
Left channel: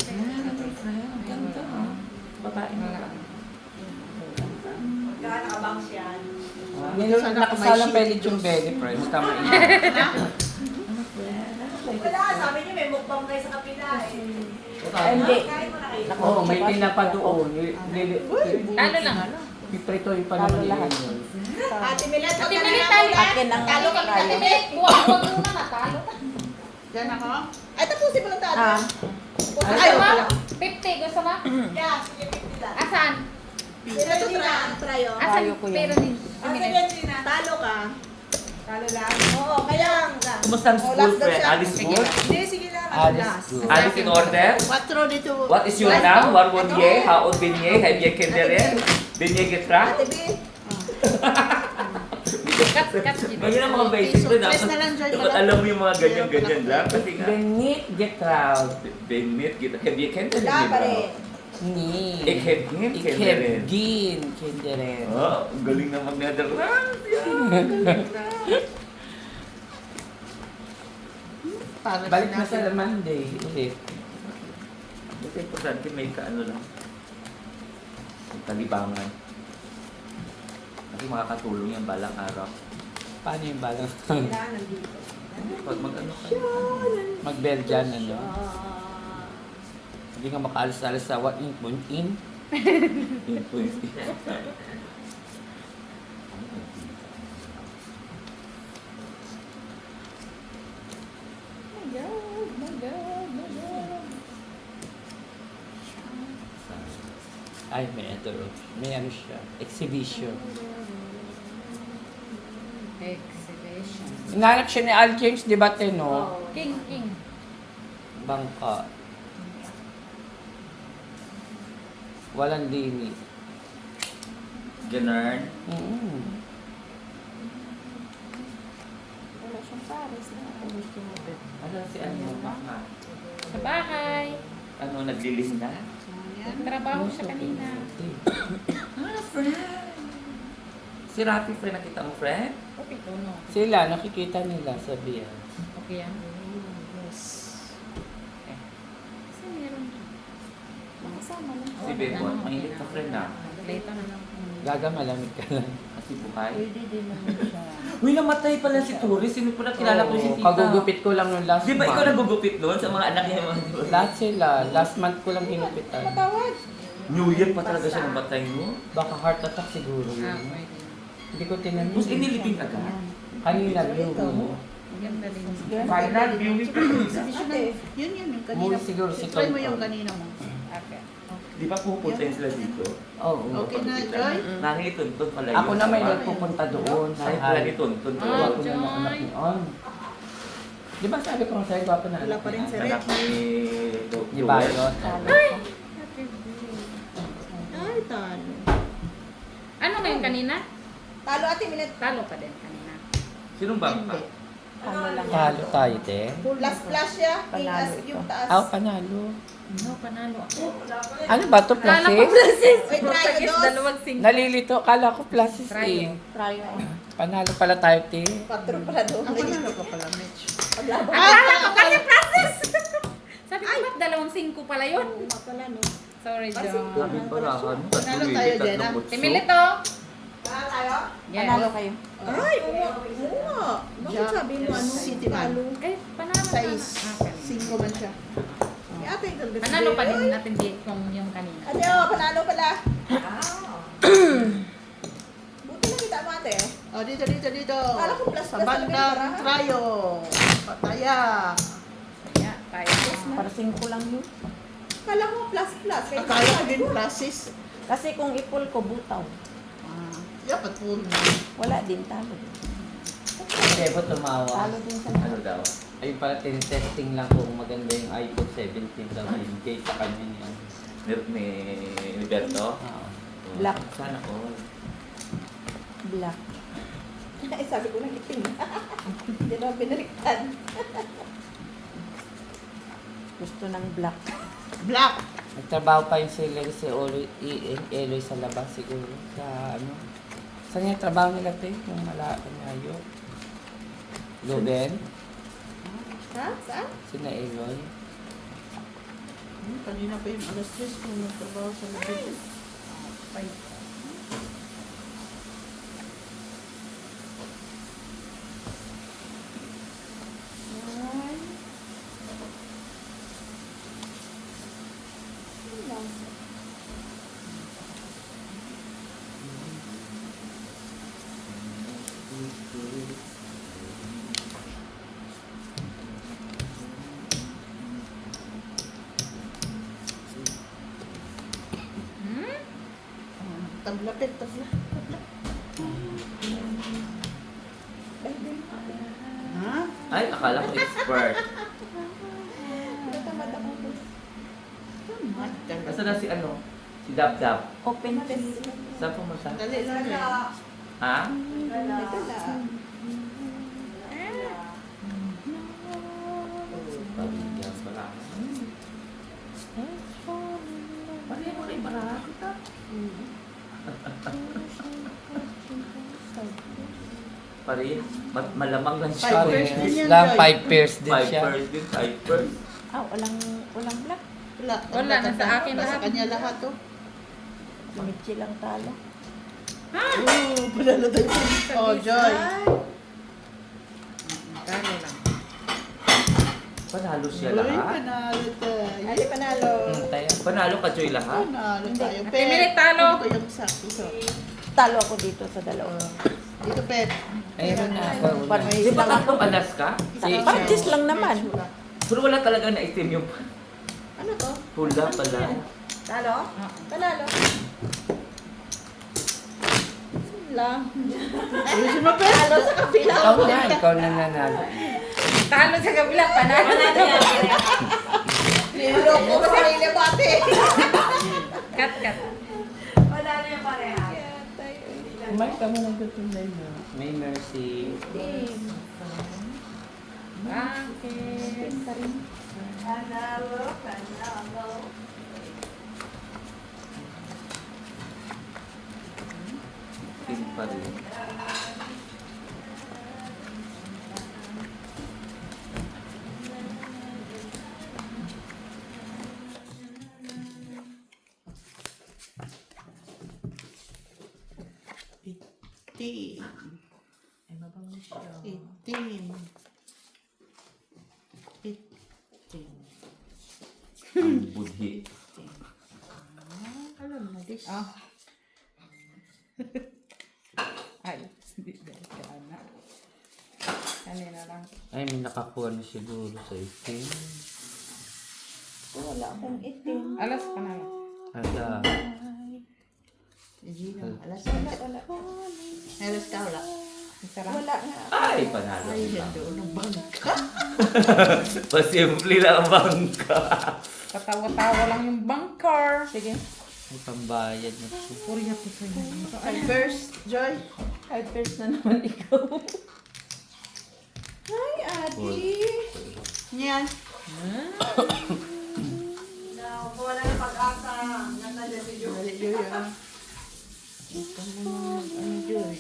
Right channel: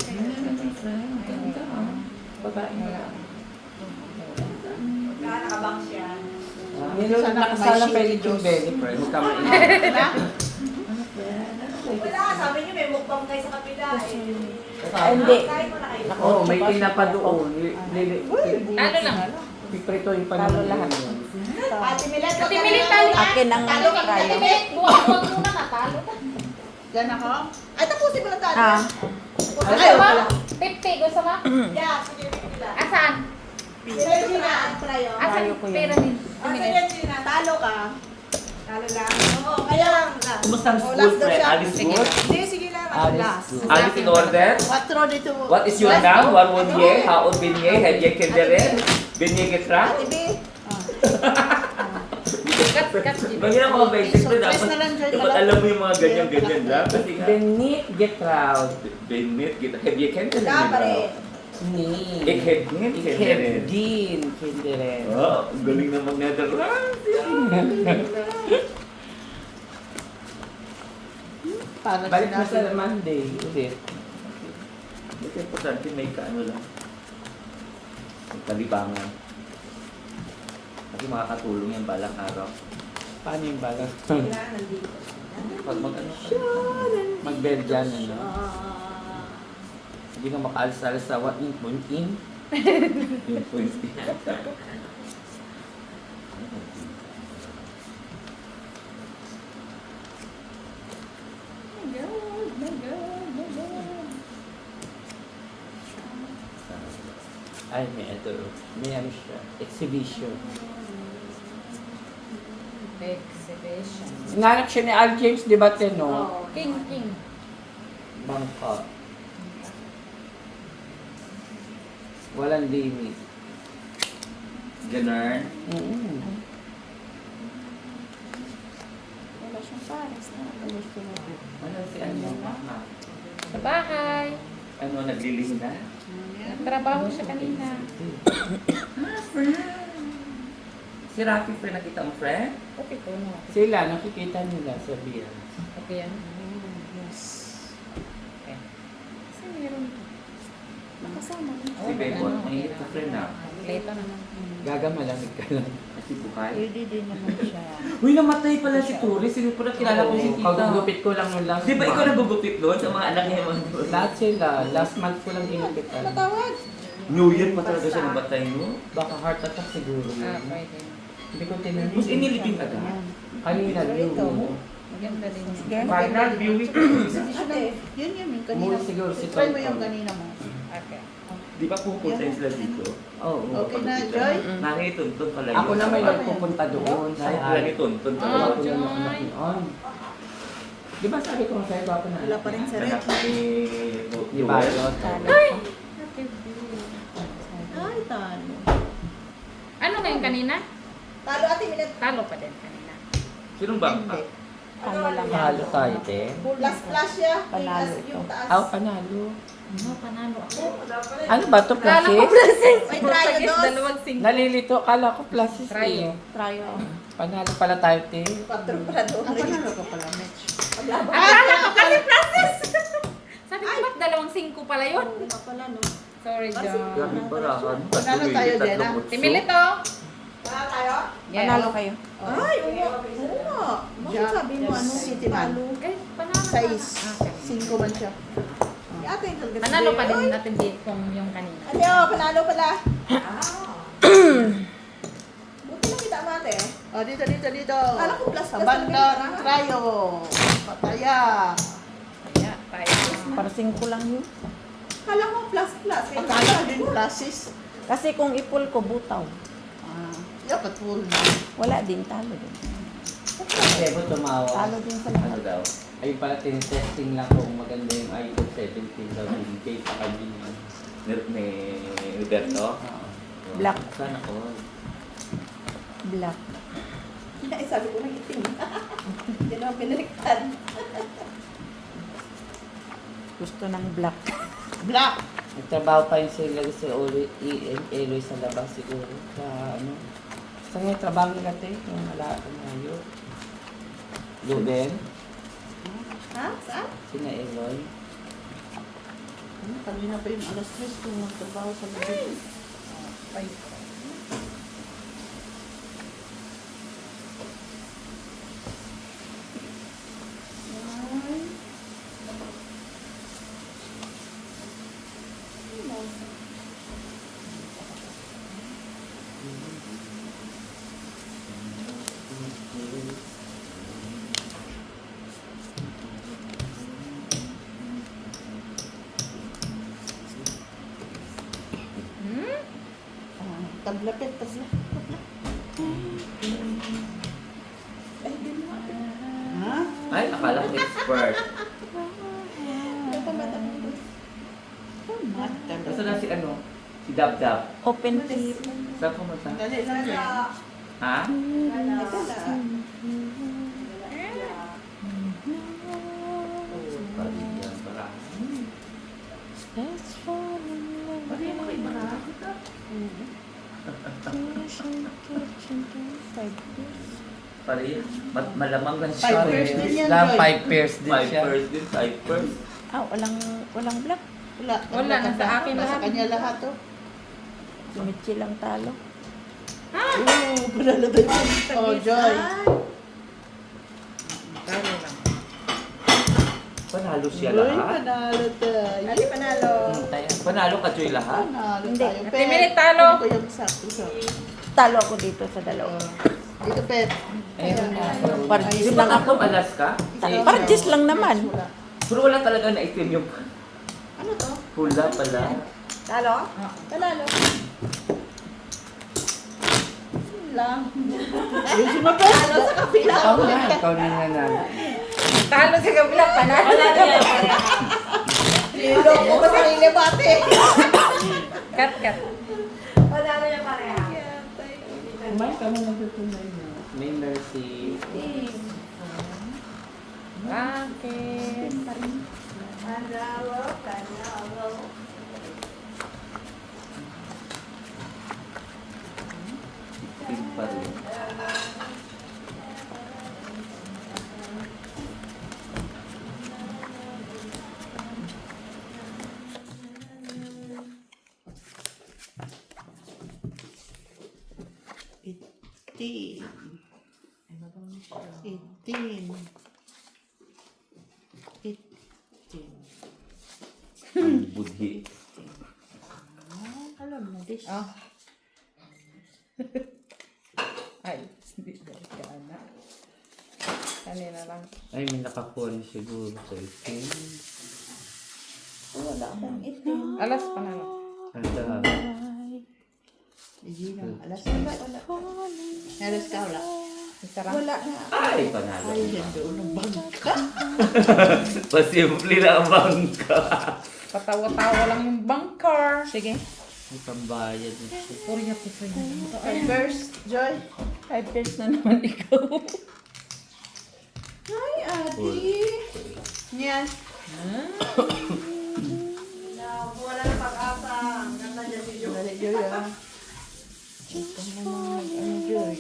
Babae na lang. Nakakabang siya. Sana ako may Nakasala shield. pwede yung belly, friends. Tama yun. Wala, sabi niyo may mukbang kayo sa kapila eh. Hindi. Kain ko na kayo. Oo, may tinapa doon. Talo lang. Piprito yung panahon yun. Ate Milet, Ate Milet, talo ka. Akin ang Talo ka. Ate Milet, buwag muna na. Talo ka. Diyan ako. Ay, tapusin mo lang talo. Ah. Gusto mo? 50, gusto mo? Yeah, sige, pipila. Asan? Sila Gina at Trayo. Asan Talo ko yun. pera ni Ate Milet? Gina, talo ka. Talo lang. Oo, kaya lang. Kumusta ang Oh, school, last daw friend? siya. Alice Sige. good? Hindi, sige lang. Ano last? Alice in order? 4 dito. What is your now? Warwon ye? Haon bin ye? Hedye kendere? Bin ye getra? Ate B. Cut. Mahirap mga basic rin. Surprise na lang, Joy. Dapat alam mo yung mga ganyan-ganyan na. Kasi nga, Benit Getraud. benit kita. Hedye kendere. Dapat eh. Ni. Ik hedye kendere. Ikebgin. Kinderen. Oh, ang galing na mag-Netherlands. Para Balik na sinabi. sa Monday. Ulit. Ito importante may ano lang. May kalibangan. Kasi makakatulong yung balang araw. Paano yung balot? Kailangan dito. Pag mag-ano. Mag-Belgian, ano? Ah. Hindi ka makaalis-alis sa what yung punting. Yun po yun. Ay, may ito. May ano siya. Exhibition. Exhibition. Inanak siya ni Al James, di ba, Teno? Oh. King, king. Bangka. Walang limit. Ganun. Wala siyang pares na. Gusto mo. Ano si ano? Mama. Sa bahay. Ano, naglilihim na? Nagtrabaho siya kanina. Si Rafi, friend, nakita mo, friend? Okay to, no? Sila, nakikita nila sa beer. Okay yan. Yes. Kasi meron to. Nakasama lang. Si Bebon, may friend na. Leto na. Gaga malamig ka lang. Si Buhay. Pwede din naman siya. Uy, namatay pala si Tori. Sino ko na kilala ko si Tita. Pagugupit ko lang yung last Di ba ikaw month. nagugupit doon sa mga anak niya? Lahat sila. Last month ko lang ginupitan. Matawad. New Year pa talaga siya namatay, no? Baka heart attack siguro. Ah, pwede na. Hindi ko tinanong. Tapos inilipin agad. Kanina, Ito. Maganda din. Final viewing. Ate, yun yun yung kanina. Mula siguro si Try mo Tito. yung kanina mo. Okay. Di ba pupunta yun sila dito? Oo. Okay na, Joy? Nangituntun pala yun. Ako na may nagpupunta doon. Kahit lagi tuntun. Ah, Ako na Joy. makakinoon. Di ba sabi ko masaya ako na? Wala pa rin sa Anak ni Di ba? Ay! Happy birthday. Ay, talo. Ano ngayon kanina? Talo, ate, minute. Talo pa din kanina. Sinong bangka? Halo tayo, te. Last flash siya. Yung taas. Ah, panalo. No, panalo ako. Ano ba ito? Kala ko Process? process. Ay, Process, try, dalawang sing. Nalilito. Kala ko process Try, eh. oh. Try. Panalo pala tayo, te. Patro pala doon. Ang panalo ka pala, Mitch. Akala ko kasi process. Sabi ko, ba't dalawang singko pala yun? Wala pala, no? Sorry, John. Panalo tayo, Jenna. Timilito. Yes. Panalo kayo. Ay, oo nga. Bakit sabi mo, ano, City Palo? Ay, panalo ka na. Size. Okay. 5 man siya. Ate, Panalo pa din natin di kung yung kanina. Ate, oh, panalo pala. Buti na kita mo, ate. Oh, dito. Sa bandang Rayo. Pataya. Kaya, tayo. Para 5 lang yun. Kala ko plus. Akala ko din pluses. Kasi kung ipul ko, butaw. Dapat puro na. Wala din, talo din. Eh, ba tumawa? Talo din sa Ayun pala, tinitesting lang kung maganda yung iPhone 17 sa case sa kanya. Ni Berto? Black. Sana ko. Black. Ay, sabi ko na itim. Hindi naman pinaliktad. Gusto ng black. Black. Nagtrabaho pa yun sila sa Eloy sa labas siguro. Sa ano? Saan yung trabaho nila, te? Kung wala akong layo. Ruben? Ha? Saan? Sina Eloy? Kanina pa yung alas 3 kung magtrabaho sa mga. Tablatin. Ha? Ay, akala ko expert. Basta na si ano? Si Dab. Open test. Saan pumunta? Dali lang yan. Ha? Nagkala. rin. Malamang lang siya. 5 pairs din yan, Lang Joy. 5 pairs din 5 siya. pairs din, 5 pairs. Walang black. Wala, nasa akin lahat. Sa kanya lahat, oh. Si Mitchie lang talo. Oo, panalo tayo. Oh, Joy. Talo lang. Panalo siya Uy, lahat. panalo tayo. Ali panalo. Panalo ka, Joy, lahat. Panalo Hindi. tayo. Ate Milit, talo. Ito yung sakto sa. Talo ako dito sa dalawa. Dito, Pep. Ayun nga. Parjis Di ba lang. tatlong alas ka? Parjis lang naman. Pero wala talaga na itim yung Ano to? hula pala. Talo? Panalo. Lang. Ayun si Mapes. Panalo sa kapila. Ikaw na nanalo. Talo sa kabila, panalo sa kabila. Niloloko ko sa sarili mo, ate. Cut. Kumain ka muna dito na yun. May mercy. Bakit? Itim pa rin. Itim. Itim. Itim. Budhi. Alam mo, this. Oh. Ay, hindi dahil ka na. Kanina lang. Ay, may nakakuha na siguro sa itim. Wala akong itim. Alas, panalo. Ada. Hindi na. Alas na ba? Wala. Alas ka, wala. Isa lang. Wala. Ay, panalo. Ay, yan doon ng bangka. Pasimple lang ang bangka. Patawa-tawa lang yung bunker. Sige. May pambayad nito. Puri ako sa inyo. Ay, first, Joy. Ay, first na naman ikaw. Hi, ate. Yan. Dali, Joy, ah. Ito naman, ano, Joy.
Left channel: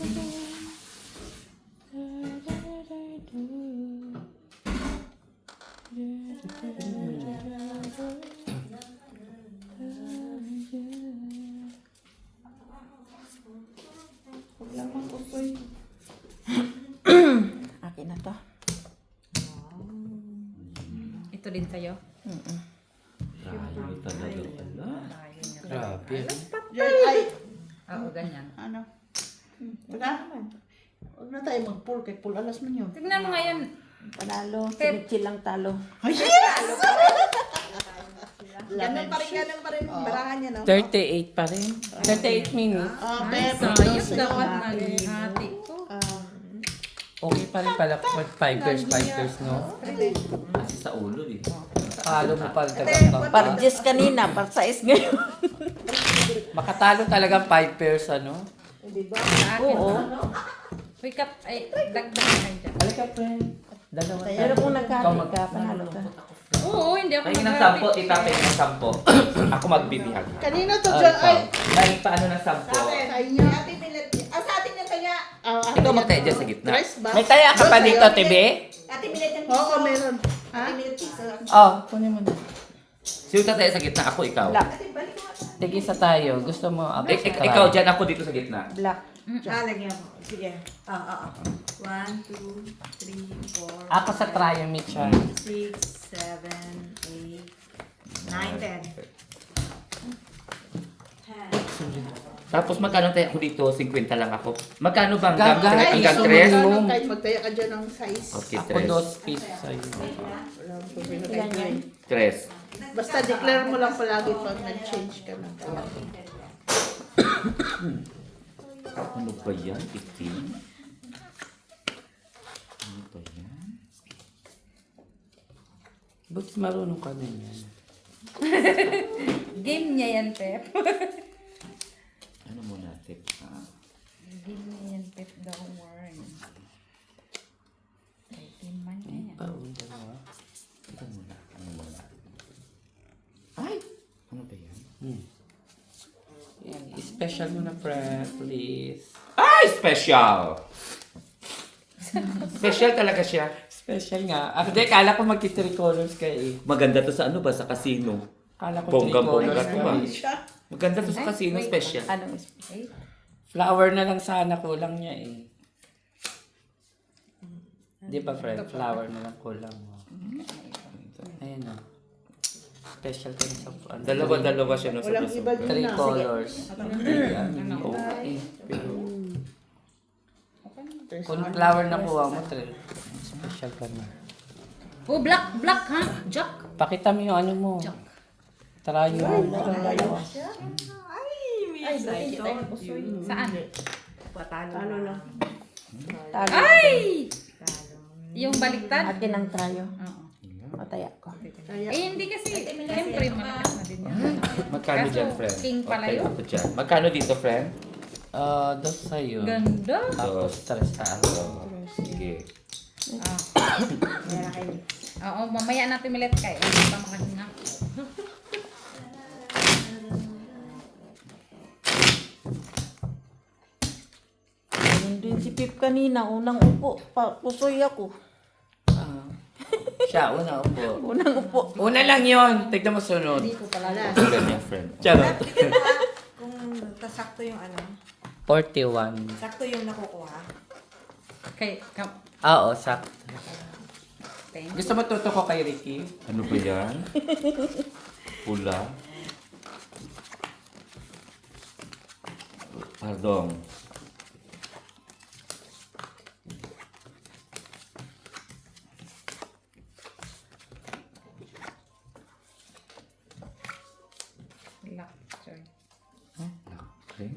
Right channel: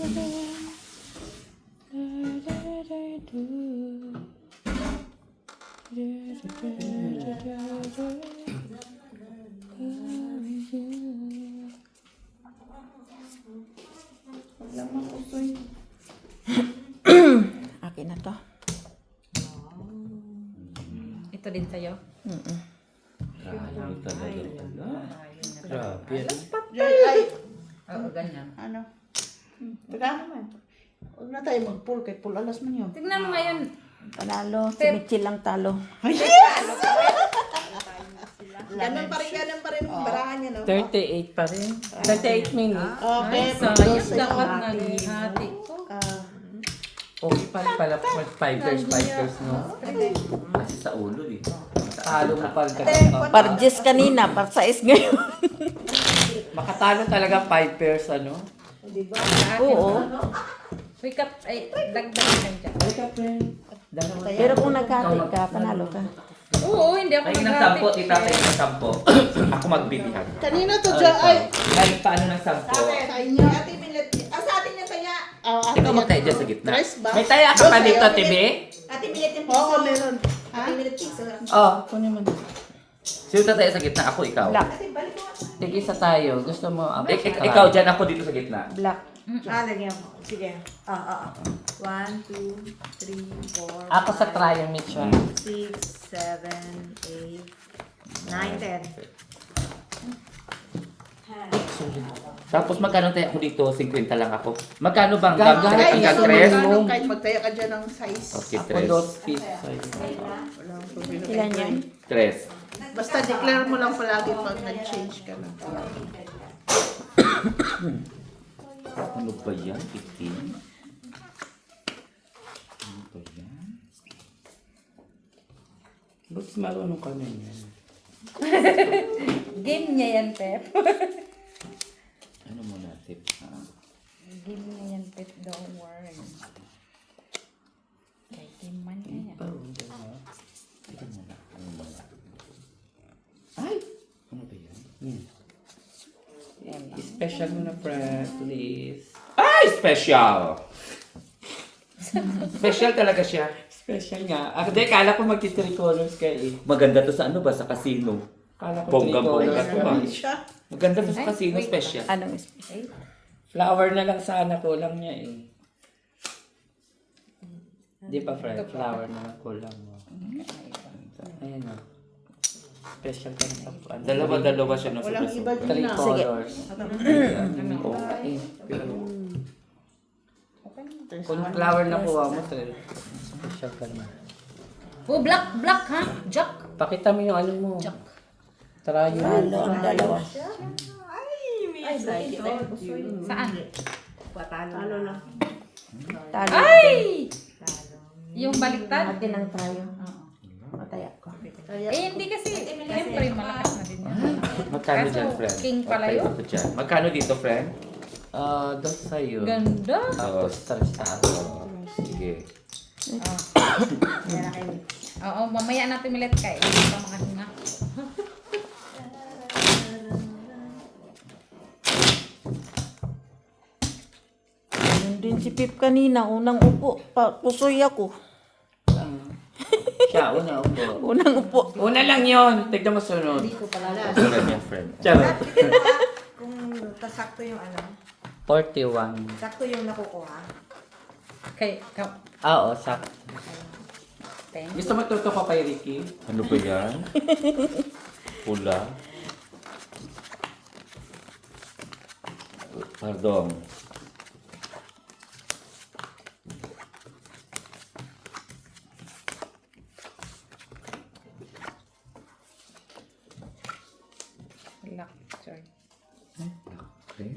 Wala makusoy. Akin na to. Ito din sa'yo. Grabe talaga. Ayun nga talaga. Grabe. Joy, ay. Oo, ganyan. Ano? Teka. Huwag na tayo mag-pull. Kay pull alas man yun. Tignan mo ngayon. Panalo. Si Pep. Mitchie lang talo. Ganun pa rin barahan niya, no? 38 pa rin. 38 minutes. Okay. Sayang, dapat naghihati ko. Okay pa rin pala mag 5 years, 5 years mo. Kasi sa ulo eh. Talo mo pa rin. Parjis kanina, parsais ngayon. Makatalo talaga 5 years, ano? Sa akin. Oo. Uy, cut. Ay, dagdagan dyan. Pero kung nagkati ka, panalo ka. Oo, hindi ako Ay, ng naghati. 10, itatay ng 10. Ako magbibihag. Kanina to, Joy. Ay. Ay, paano ng 10? Sa inyo. Ate Milet. Sa atin na kaya. Ikaw magtayo dyan sa gitna. Dress ba? May taya ka pa dito, TV? Ate Milet yung Oo, meron. Ate Milet pizza. Oh, kunin mo. Sino tatayo sa gitna? Ako, ikaw. Black. Tig-isa tayo. Gusto mo? Ikaw dyan, ako dito sa gitna. Black. Lagyan mo. Sige. 1, 2, 3, 4, Ako sa trial, Mitchell. 6, 7, 8, 9, 10. Tapos magkano tayo ako dito? 50 lang ako. Magkano bang Gaga. hanggang Ay, 3? kahit magtaya ka dyan ng size. Okay, Ako 3. 2 pieces sa'yo. Ilan yan? 3. Basta declare mo lang palagi pag nag-change ka na. Ano ba yan? 15? Ano ba yan? Ba't marunong kami yan? Game niya yan, Pep. Ano mo natin? Game niya yan, Pep. Don't worry. Kay game man niya yan. Tingnan mo na. Ano mo na? Ay! Ano ba yan? Special mo na, please. Ay! Special! Special talaga siya. Special nga. Ah, hindi, kala ko magti-3 colors ka eh. Maganda to sa ano ba? Sa casino. Kala ko 3 Bonggang-bongga colors to ka ba? eh. Maganda to sa Ay, casino wait. special. Anong special? Flower na lang sana kulang niya eh. Di ba friend? Flower na lang kulang mo. Ayan o. Special tayo sa ano. Dalawa-dalawa siya no, sa Walang piso. iba din 3 na. colors. Ano? Okay. Pero, Kung flower na kuha mo, 3. Special ka na. Oh, black ha? Jack. Pakita mo yung ano mo. Jack. Tara yun. Dalawa. Ay, buti tayo pusoy. Saan? Ano lang. Ay! Yung baliktad? Atin ang tayo. Oo. Mataya ko. Eh, hindi kasi, siyempre, malakas na din yan. magkano Kaso, dyan, friend? king pala Okay, yun. ako dyan. Magkano dito, friend? Dos sa'yo. Ganda. Tapos 3 sa ako. Sige. Ah. Oo, mamaya natin ulit kayo. Hindi pa makahinga. Ayun din si Pip kanina. Unang upo. Pusoy ako. Siya, una upo. Unang upo. Una lang yun. Tignan mo sunod. Wala niya, friend. Charot. Kung sakto yung ano, 41. sakto yung nakukuha. Kay, Oo, sakto. thank Gusto mo tuto ko kay Ricky? Ano ba yan? Pula. Pardon. Lock, sorry. Okay.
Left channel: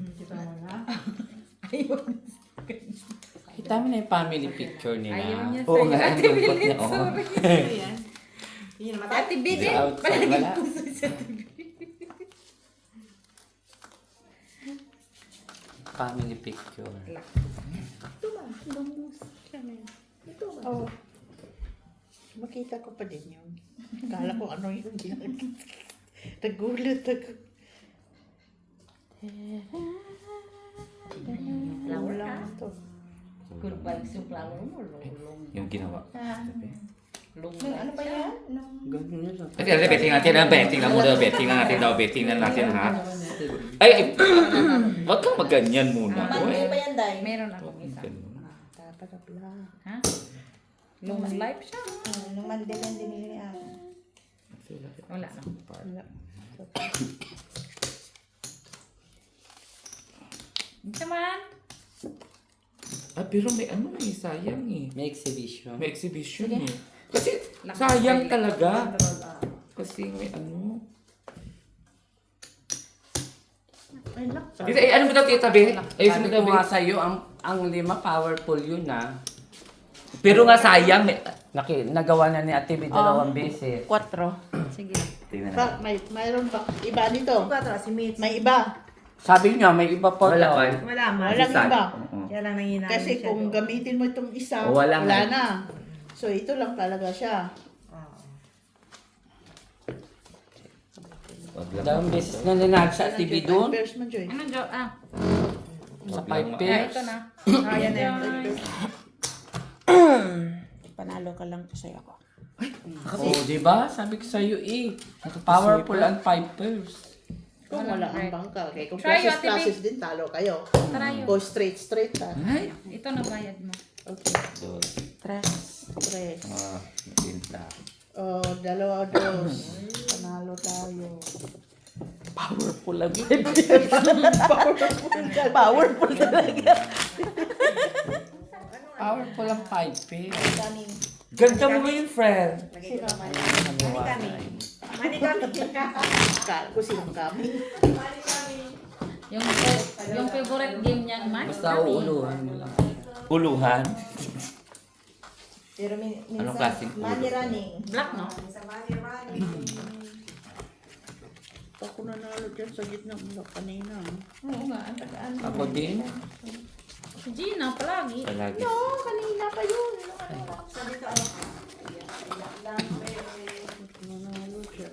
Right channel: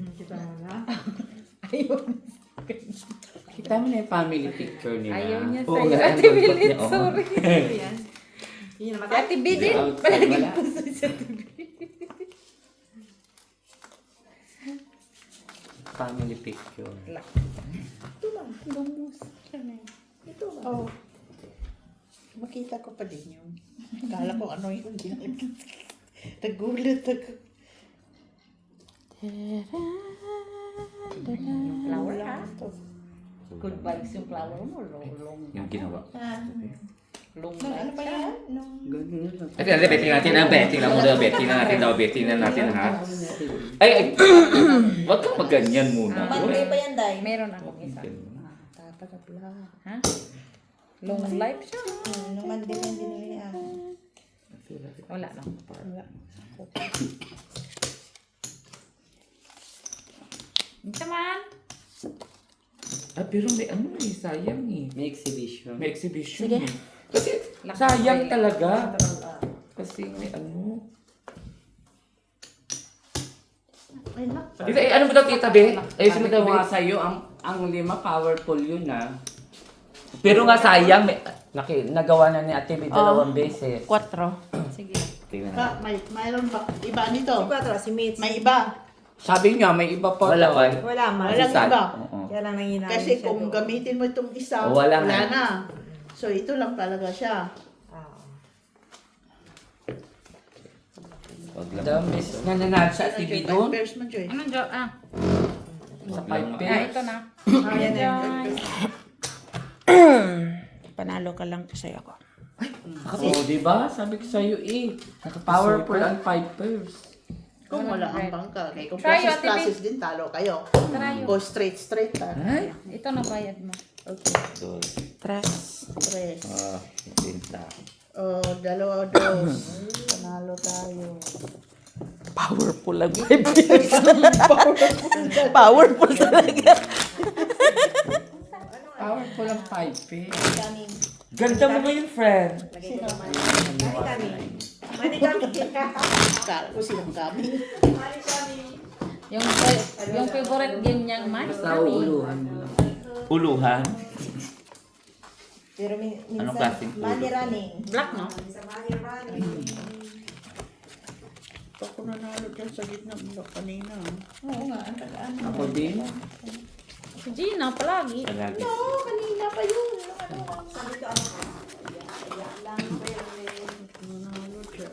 Ayun. Kita mo na yung family picture nila. Ayaw niya Oo sa'yo. nga, Ate ang Bilit, dapat niya, oo. sorry. Yun naman. Ate Bilit, Without palagi wala. puso sa Ate Bilit. Family picture. Lock. Oh. Makita ko pa din yun. Kala ko ano yung ginagawa. Nagulat ako. Yung flower ha? Good vibes yung flower mo. Long Yung ginawa. long Ano life pa siya. yan? Ganun na. Okay, okay, betting natin ha. Betting lang muna. Betting na natin daw. Betting na natin ha. Ay, ay. Huwag kang maganyan muna. Monday pa yan, Day. Meron akong isa. Tatagapla. Ha? Long life siya. Nung Monday lang din niya. Wala lang. Naman. Ah, pero may ano eh. Sayang eh. May exhibition. May exhibition eh. Kasi sayang talaga. Kasi may ano. Dito, eh, ano mo daw titabi? Ayusin mo Sabi daw. ko nga sa'yo, ang 5 powerful yun ah. Pero nga sayang. May... Nagawa na ni Ate Bea 2 beses. 4. Sige. Tingnan natin. Mayroon ba? Iba nito. Quatro, si Mitch. May iba. Sabi niya, may iba pa. Wala pa. Wala, man. Walang iba. Oo. Yan ang nanginayang Kasi siya kung doon. gamitin mo itong isa, O, wala wala na. na. So ito lang talaga siya. Oo. Wag lang. Dalawang beses na nanalo sa Ate Bea doon. First mo, Joy. Anong jo? Ah. Sa Wag lang. 5 Ah, pairs. ito na. Ayan na. Panalo ka lang kasi ako. Oo, di ba? Sabi ko sa'yo eh. Powerful ang 5 pairs. Kung Walang wala ang red. bangka. Kaya kung Try classes, Ate Bea. classes din, talo kayo. Try Go straight ha. Ay. Ito na bayad mo. Okay. Dos. Tres. Tinta. O, dalawa, dos. Panalo tayo. Powerful lang. Powerful talaga. Powerful ang 5 pairs. Kaming. Ganda mo yun, friend. Lagay ko naman. Mani kami. Mani kami. Kala ko silang kami. Mani kami. Yung favorite game niyang man, Basta kami. uuluhan. Uluhan. Pero minsan, klaseng money ulo? running. Black, no? Minsan money running. Ako nanalo dyan sa gitna mo kanina. Oo nga, ang tagaan. Ako din. Si Gina, palagi. Palagi. Oo, kanina pa yun. Sabi ko, ano ka? Nanalo dyan.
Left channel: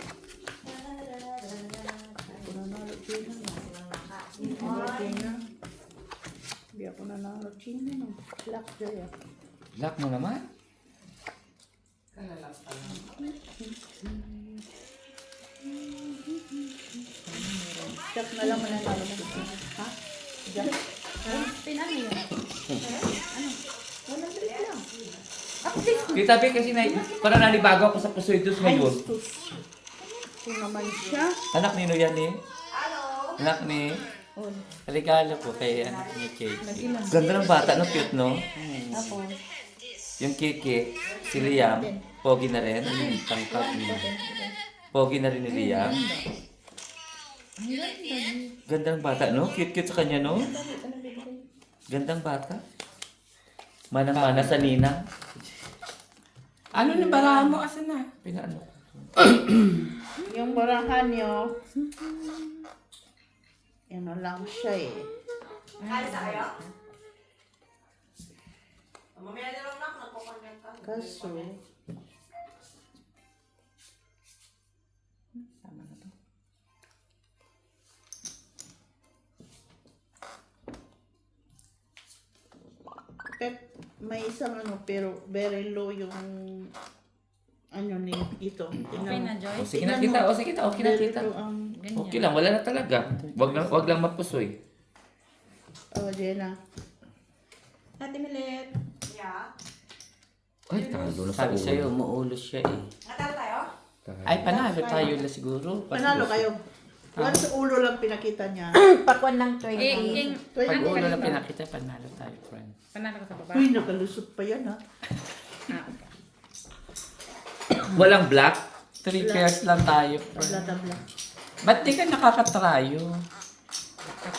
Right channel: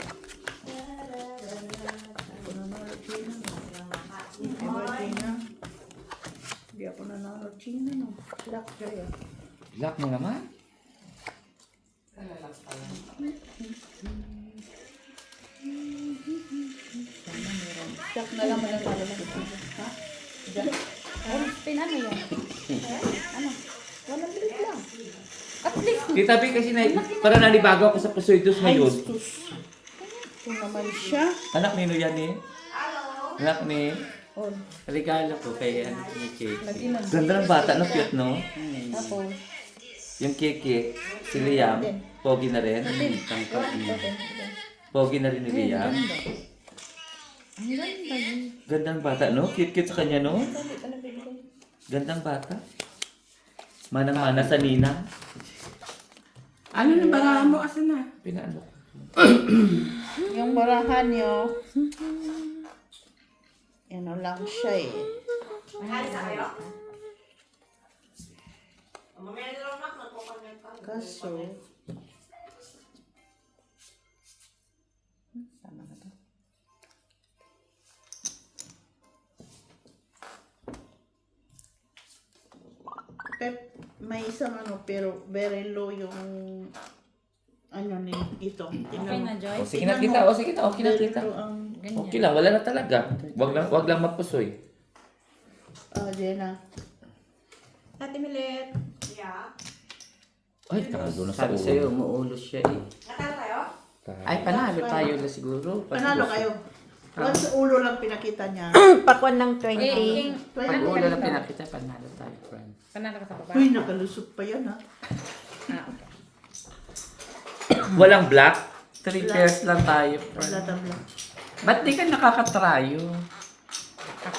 Nanalo dyan. Everything na. Hindi ako nanalo dyan. Lock Joy. Lock mo naman. Shot na lang mga tao lang. Ha? Diyan. Pin ano yan? Ano? 100 lang. At least, Kita Bi kasi parang nalibago ako sa Pusoitos ngayon. Sus. Ito naman siya. Anak ni yan eh. Anak ni. Oh. Regalo ko kay Kate. Ganda ng bata, no? Cute, no? Tapos. Yung Kiki, si Liam, pogi na rin. Pogi na rin ni Liam. ang ganda. Gandang bata, no? Cute-cute sa kanya, no? Gandang bata. Manang-mana sa Nina. Ano na barahan mo? Asan na? Pinaano? Yung barahan nyo. Ano lang siya eh. Kaso. Tama na to. May isang ano pero very low yung ano ni ito. Okay na, Joy? O, sige na kita. O, sige na. Okay na kita. Ito ang Ganyan. Okay lang, wala na talaga. Wag lang mapusoy. Jenna. Ate Milet. Ay, talo na sa Sabi sa'yo, ulo. umuulos siya eh. Ay, panalo tayo na siguro. Panalo kayo. Once ulo lang pinakita niya. Pakwan ng 20. King, Pag ano ulo na ka pinakita, panalo tayo, friend. Panalo ka sa baba? Uy, nakalusot pa yan ha. Ah, okay. Walang black? 3 pairs lang tayo, Wala friend. tabla. Ba't di ka nakakatrayo?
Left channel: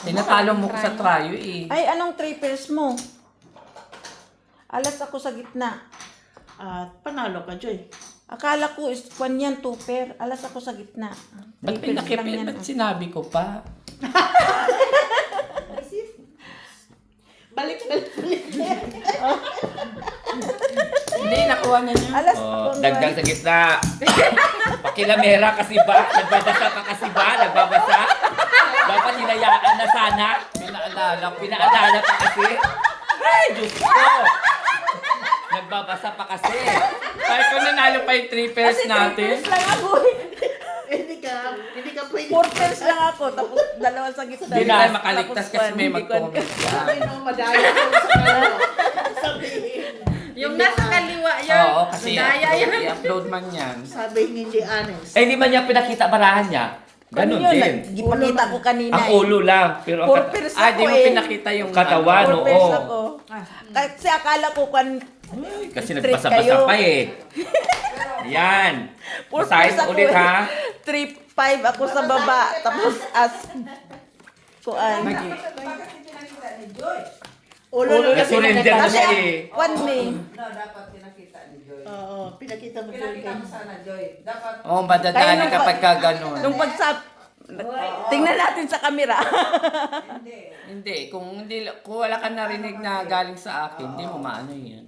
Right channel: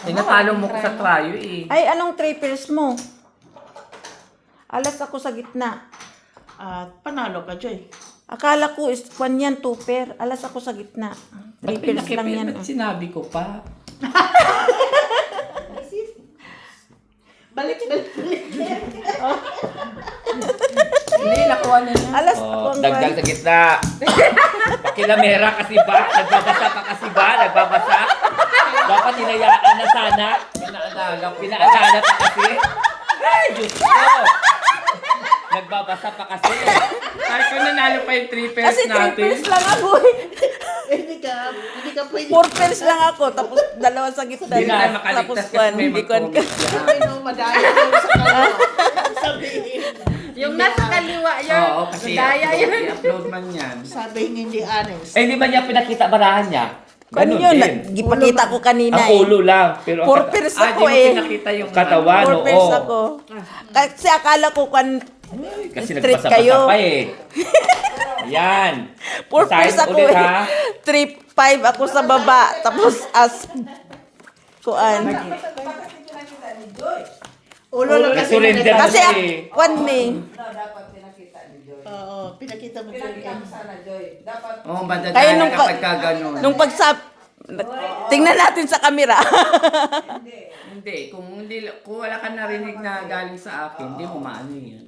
Tinatalo mo ko sa trayo eh. Ay, anong 3 pairs mo? Alas ako sa gitna. At panalo ka, Joy. Akala ko is kwan yan, 2 pair. Alas ako sa gitna. 3 Ba't pairs lang yan. ba't sinabi ko pa? Balik. Hindi, nakuha na niya. Alas Oh, ako. dagdag sa gitna. Pakilamera kasi ba? Nagbabasa pa kasi ba? Nagbabasa? Dapat hinayaan na sana. Pinaalala pa kasi. Ay, Diyos ko. Nagbabasa pa kasi. Kahit kung nanalo pa yung 3 pairs Kasi 3 natin. pairs lang ako eh. Hindi ka pwede. 4 pairs lang ako. Tapos dalawa sa gitna. Hindi na Tapos makaligtas kwan, kasi may hindi kwan ka. mag-comment. Sabi no, madaya ko sa ano. Sabihin. Yung nasa kaliwa, yun. Oo, kasi Daya yun. i-upload man yan. Sabihin hindi honest. Eh, hindi man niya pinakita barahan niya. Ano Ganun yun? din. Gipakita ko kanina Ang eh. ulo lang. Pero ang 4 pairs Ah, di ako mo eh. pinakita yung katawan, 4 oo. pairs ako. Kasi akala ko kwan Ay, kasi Trick nagbasa-basa kayo. pa eh. Yan. 4 pairs Basahin ako ulit, eh. ha? 3-5 ako sa baba. Tapos as kuan. Ulo lang kasi. Nag-surrender na Kasi siya eh. kwan me. Oo, pinakita mo Joy kay. Oo, Kaya madadala nung kapag ka ganun. Nung pagsap tingnan natin sa camera. Hindi, kung wala ka narinig na galing sa akin, hindi mo maano yan.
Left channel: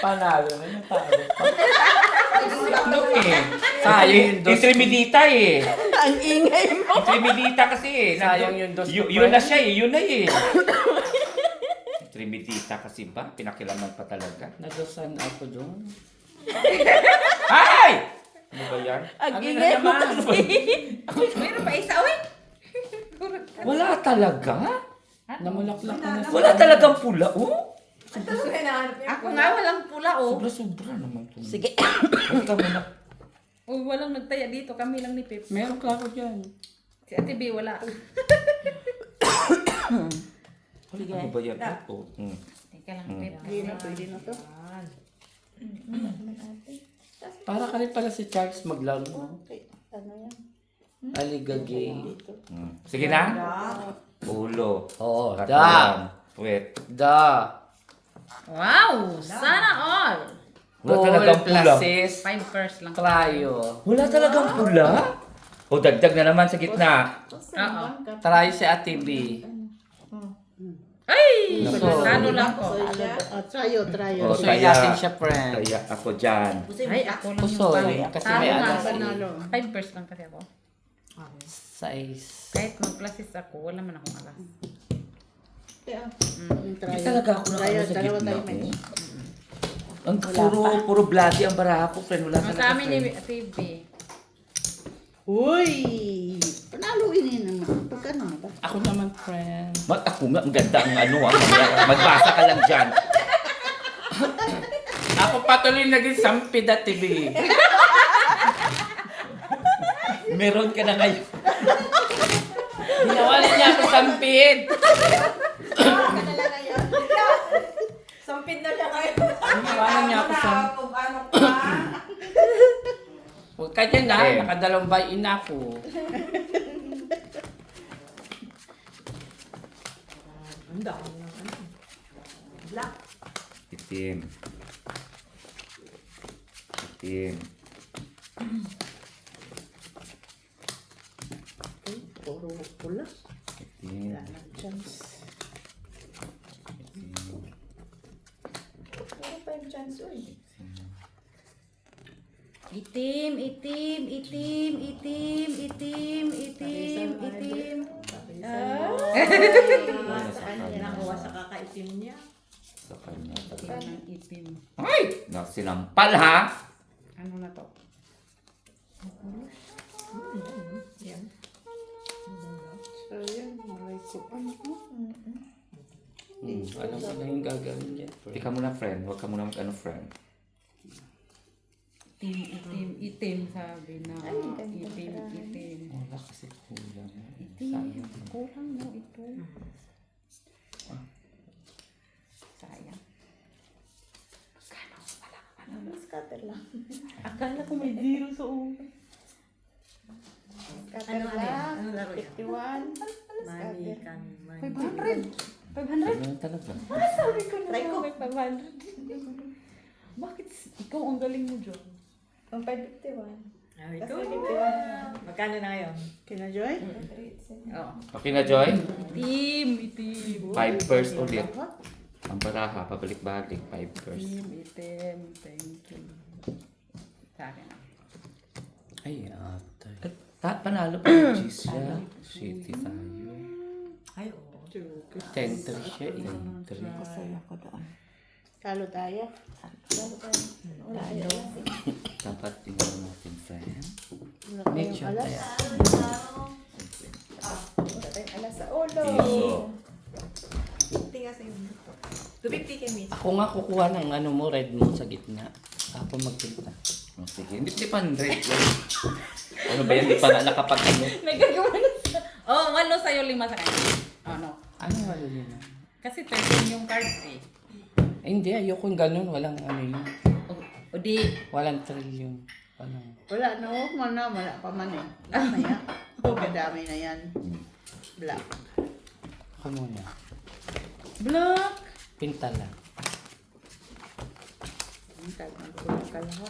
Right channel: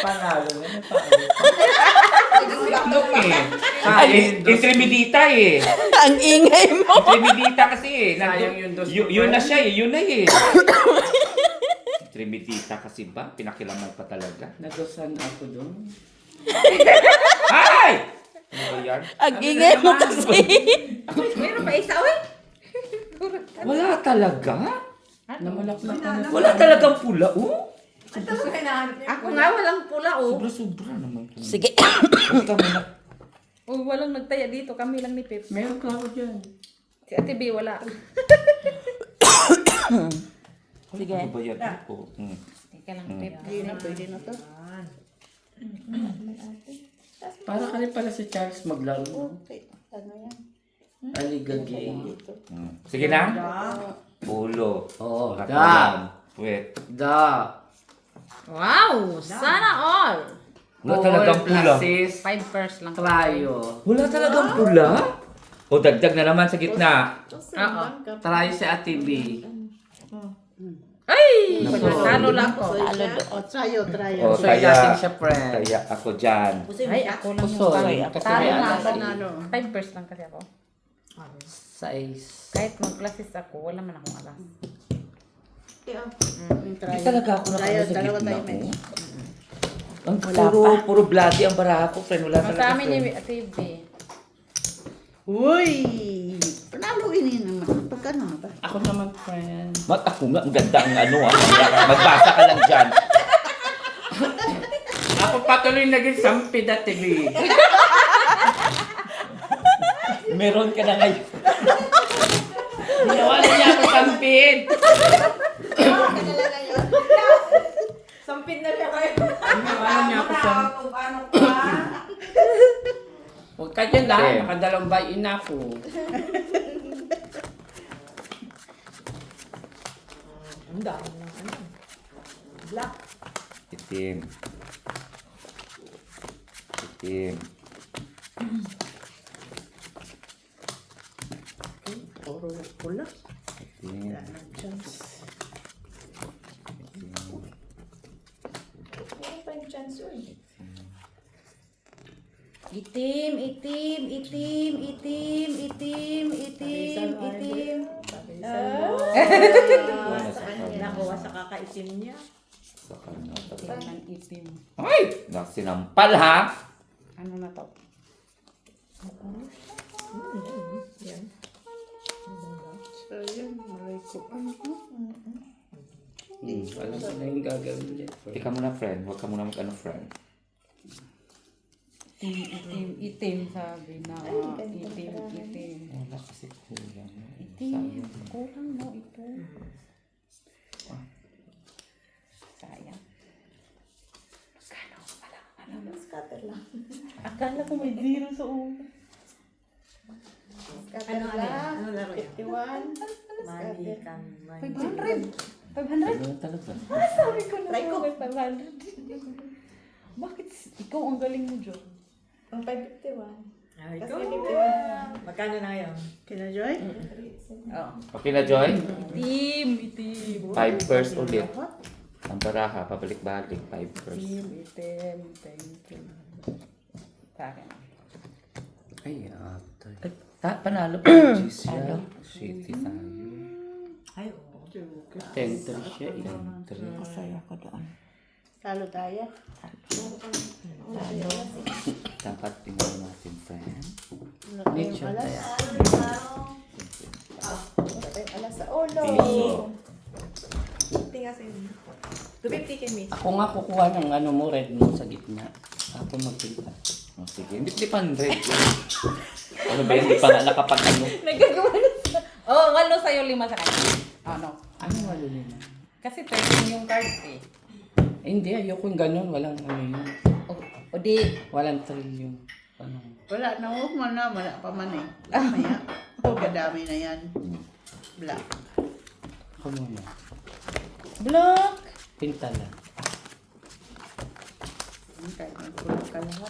Panalo na, Look eh. Sayang yung dos. Intremidita eh. Ang ingay mo. Intremidita kasi eh. Sayang yung dos. Yun na siya eh. Yun na eh. Intremidita kasi ba? Pinakilaman pa talaga. Nagusan ako doon. Ay! Ano ba yan? Ang ingay mo kasi. Mayroon pa isa, uy. Wala talaga. Namulaklak na na. Wala talagang pula. Oh. Ako nga, walang pula, oh. Sobra-sobra naman. Sige. Basta muna. Oh, walang nagtaya dito. Kami lang ni Pip. Meron ka ako dyan. Si Ate B, wala. Sige. Ano ba yan? Ako. Teka lang, Pip. Hindi na pwede na to. Para ka rin pala si Charles maglaro. Okay, ano yan? Aligagay. Dito. Sige na. Ulo. Oo, Katawan. Wait. Da. Wow! Sana all! Wala talagang pula. 5 pairs lang. Trayo. Wala talagang pula? O dagdag na naman sa gitna. Oo. Trayo si Ate B. Ay! Nako. Talo lang ko. Oh, tayo. Oh, Pusoy natin siya, friend. Kaya ako dyan. Ay, ako lang yung Pusoy. bang. Kasi Talo may nga. alas eh. 5 pairs lang kasi ako. Size. Kahit mag-classes ako, wala man akong alas. Hindi talaga ako nakano sa Dalawa gitna tayo, ko. Mitch. Ang puro bloody ang baraha ko, friend. Wala Sa talaga, amin ni friend. TV. Uy! Panaluin yun naman. Pagka na ba? Ako naman, friend. Ako nga, ang ganda ang ano. Magbasa ka lang dyan. Ako patuloy naging sampid at TV. Meron ka na ngayon. Ginawa niya ako sampid. Sampid na siya kayo. Ginawa niya ako sampid. Kung ano pa. Huwag ka dyan Okay. dahil nakadalawang bayin ako. Ang dami ng ano. Black. Itim. Itim. Puro pula. Itim. Wala nang chance. Ano pa yung chance yun? Itim, itim, itim, itim, itim, itim, itim. Sa kanya. Nakuha sa kakaitim niya. Sa kanya. Itim ng itim. Ay! Sinampal ha! Ano na to? Yan. So yun, malay ko. Alam ko na yung gagawin niya. Ika muna, friend. Huwag ka muna mag-ano, friend. Itim, itim, itim, sabi na. Itim, itim. Wala kasi kulang. Itim. Kulang mo ito. Sayang. Magkano? Wala. Scatter lang. Akala ko may zero sa ulo. Scatter lang. Ano laro yan? 51. Money kami. Money. 500. 500? Ano talaga? Sabi ko na Try ko. may 500. Bakit ikaw ang galing mo, John? Ang 551. Ay, Kasi ito. 51. Magkano na yun? Kina Joy? Oo. Okay na, Joy? Itim, itim. 5 first ulit. Ang baraha, pabalik-balik. 5 first. Itim, itim. Thank you. Sa akin. Ay, ate. Panalo pa yung cheese siya. Shitty tayo. Ay, oo. 10-3 siya eh. Masaya ka doon. Talo tayo. Dapat tingnan natin, friend. Medyo Alas. kaya. Alas sa ulo. Piso. Tingnan sa inyo. 250 kami. Kung nga kukuha ng ano mo, red mo sa gitna. Ako magpilita. Oh, sige. Hindi pan red yun. Ano ba, hindi pa na nakapag ano? Nagagawa na sa... Oh, 8 sa'yo, 5 sa kanya. Oh, no. Ano wala nila? Kasi 13 yung card eh. Eh, hindi, ayoko yung ganun. Walang ano yun. O di, Walang thrill yung ano. Wala na, huwag man na. Wala pa man eh. Mamaya. Kadami na yan. Black. Ako muna. block. Pinta lang. Ang daming kulang kalawa.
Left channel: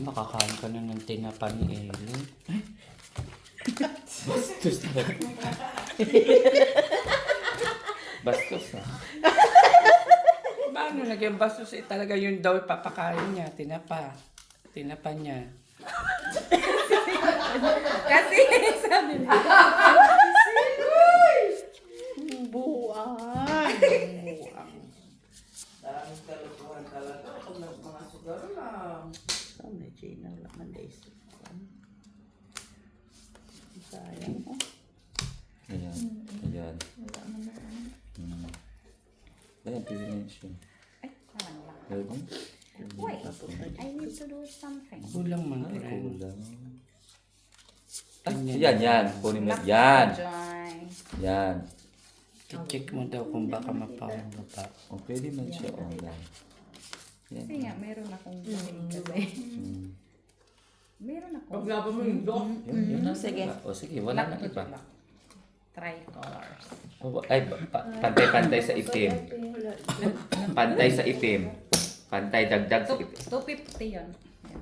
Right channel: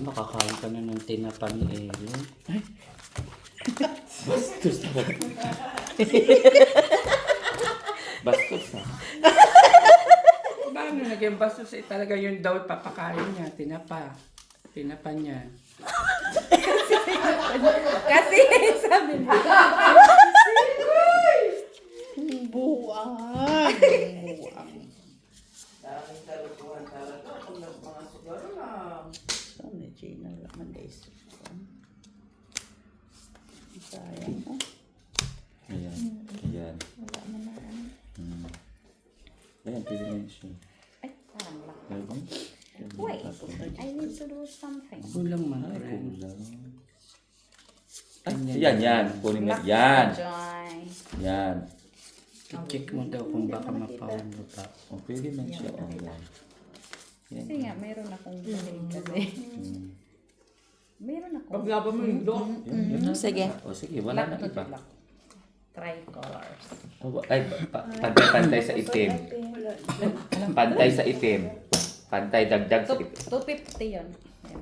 Makakain ka na ng tinapa ni Ellen. Ay! Bastos na. Bastos na. Paano naging bastos eh talaga yun daw papakain niya, tinapa. Tinapa niya. Kasi sabi mo. Buwang. Daming kalukuhan talaga. Kung mga siguro lang. Sana Gina naman days. Sayang. Ayan. Ayan. Ayan, pili na siya. Ay, parang lang. Meron? Wait, I need to do something. Kulang man, friend. Kulang. Yan, yan. Kunin mo. Yan. Joy. Yan. I-check mo daw kung baka mapaano pa. O, pwede man siya. O, yan. Kasi nga, meron akong balik kasi. Meron akong... Paglaban mo yung dog. Sige. O, sige. Wala na Black to iba. black. Tricolors. O, ay, pantay-pantay sa itim. Pantay sa itim. Pantay dagdag sa itim. 250 yun. Yan.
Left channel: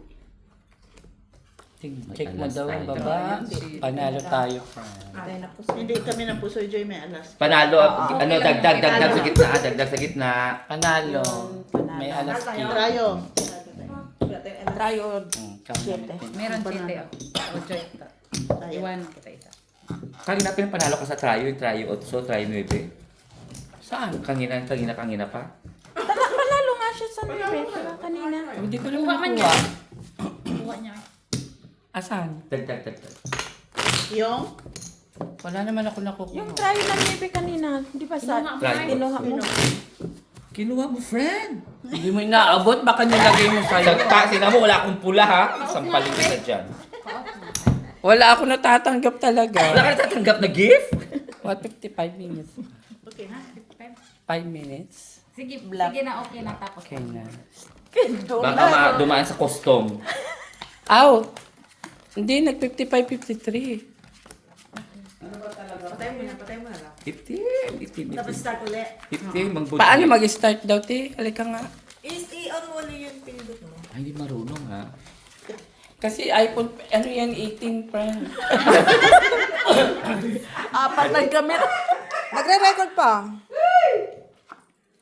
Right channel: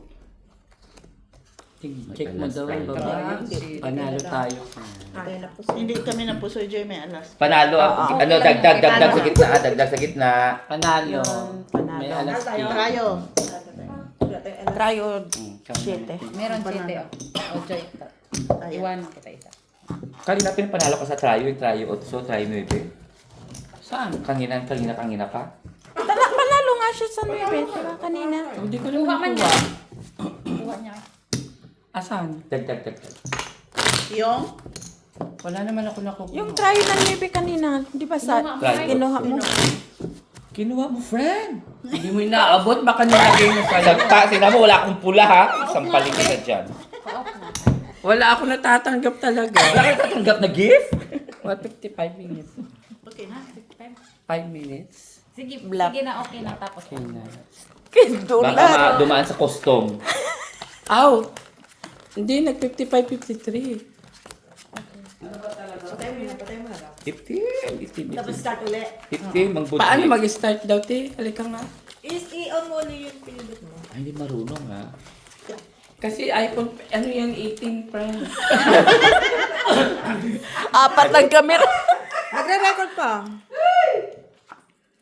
Check mo daw ang Alas babae. tayo. Panalo tayo, friend. Tayo na po Hindi kami na puso Joy, may alas. Panalo, ano, dagdag sa gitna. Dagdag sa gitna. Panalo. May alas Tayo. key. Tayo. Try o Kami. 7. Meron 7 oh. O, Joy. Iwanan kita isa. Kanina panalo ko sa Trio 8, Trio 9. Saan? Kanina pa. Panalo nga siya sa 9 kanina. Hindi ko lang Kuha man nakuha. yan. Kuha niya. Asan? Tag. Yung? Wala naman ako nakuha. Yung try ng 9 kanina, di ba sa Kinuha mo, Try. ay. kinuha mo? Kinuha mo, friend. Hindi mo inaabot, baka nilagay mo sa... Sina mo, wala akong pula ha. Sampaling kita dyan. Pa-off na. Wala ako natatanggap talaga. Wala kayo tatanggap na gift? What, 55 minutes? Okay Ha? na. 55? 5 minutes? Sige, sige na, okay na. Tapos. Okay na. Baka dumaan sa custom. Aw! Hindi, nag-55, 53. Patay mo na lang. 50. Tapos start ulit. 50, mangbud. Paano mag-start daw, te? Halika nga. I-on mo ulit yung pinindot mo. Ay, hindi marunong ha. Kasi iPhone, ano yan, 18 friend. Apat ng camera. Nagre-record pa.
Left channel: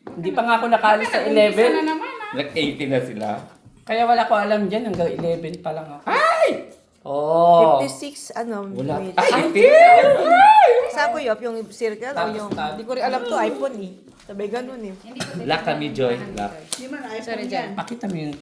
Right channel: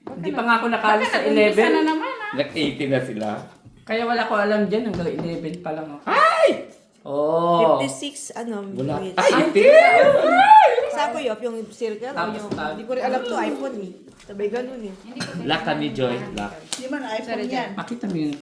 Hindi pa nga ako nakala sa Nag-umpisa na 11. naman ha. Nag-80 na sila. Kaya wala ko alam dyan, hanggang 11 pa lang ako. Oh. 56, ano, Wala. minutes. Ay, 80. Saan ko yun? Yung circle o Tapos yung... pa. Hindi ko rin alam to iPhone eh. Sabay ganun eh. Hindi ko Lock kami, Joy. Lock. Hindi man iPhone yan. Makita mo yun.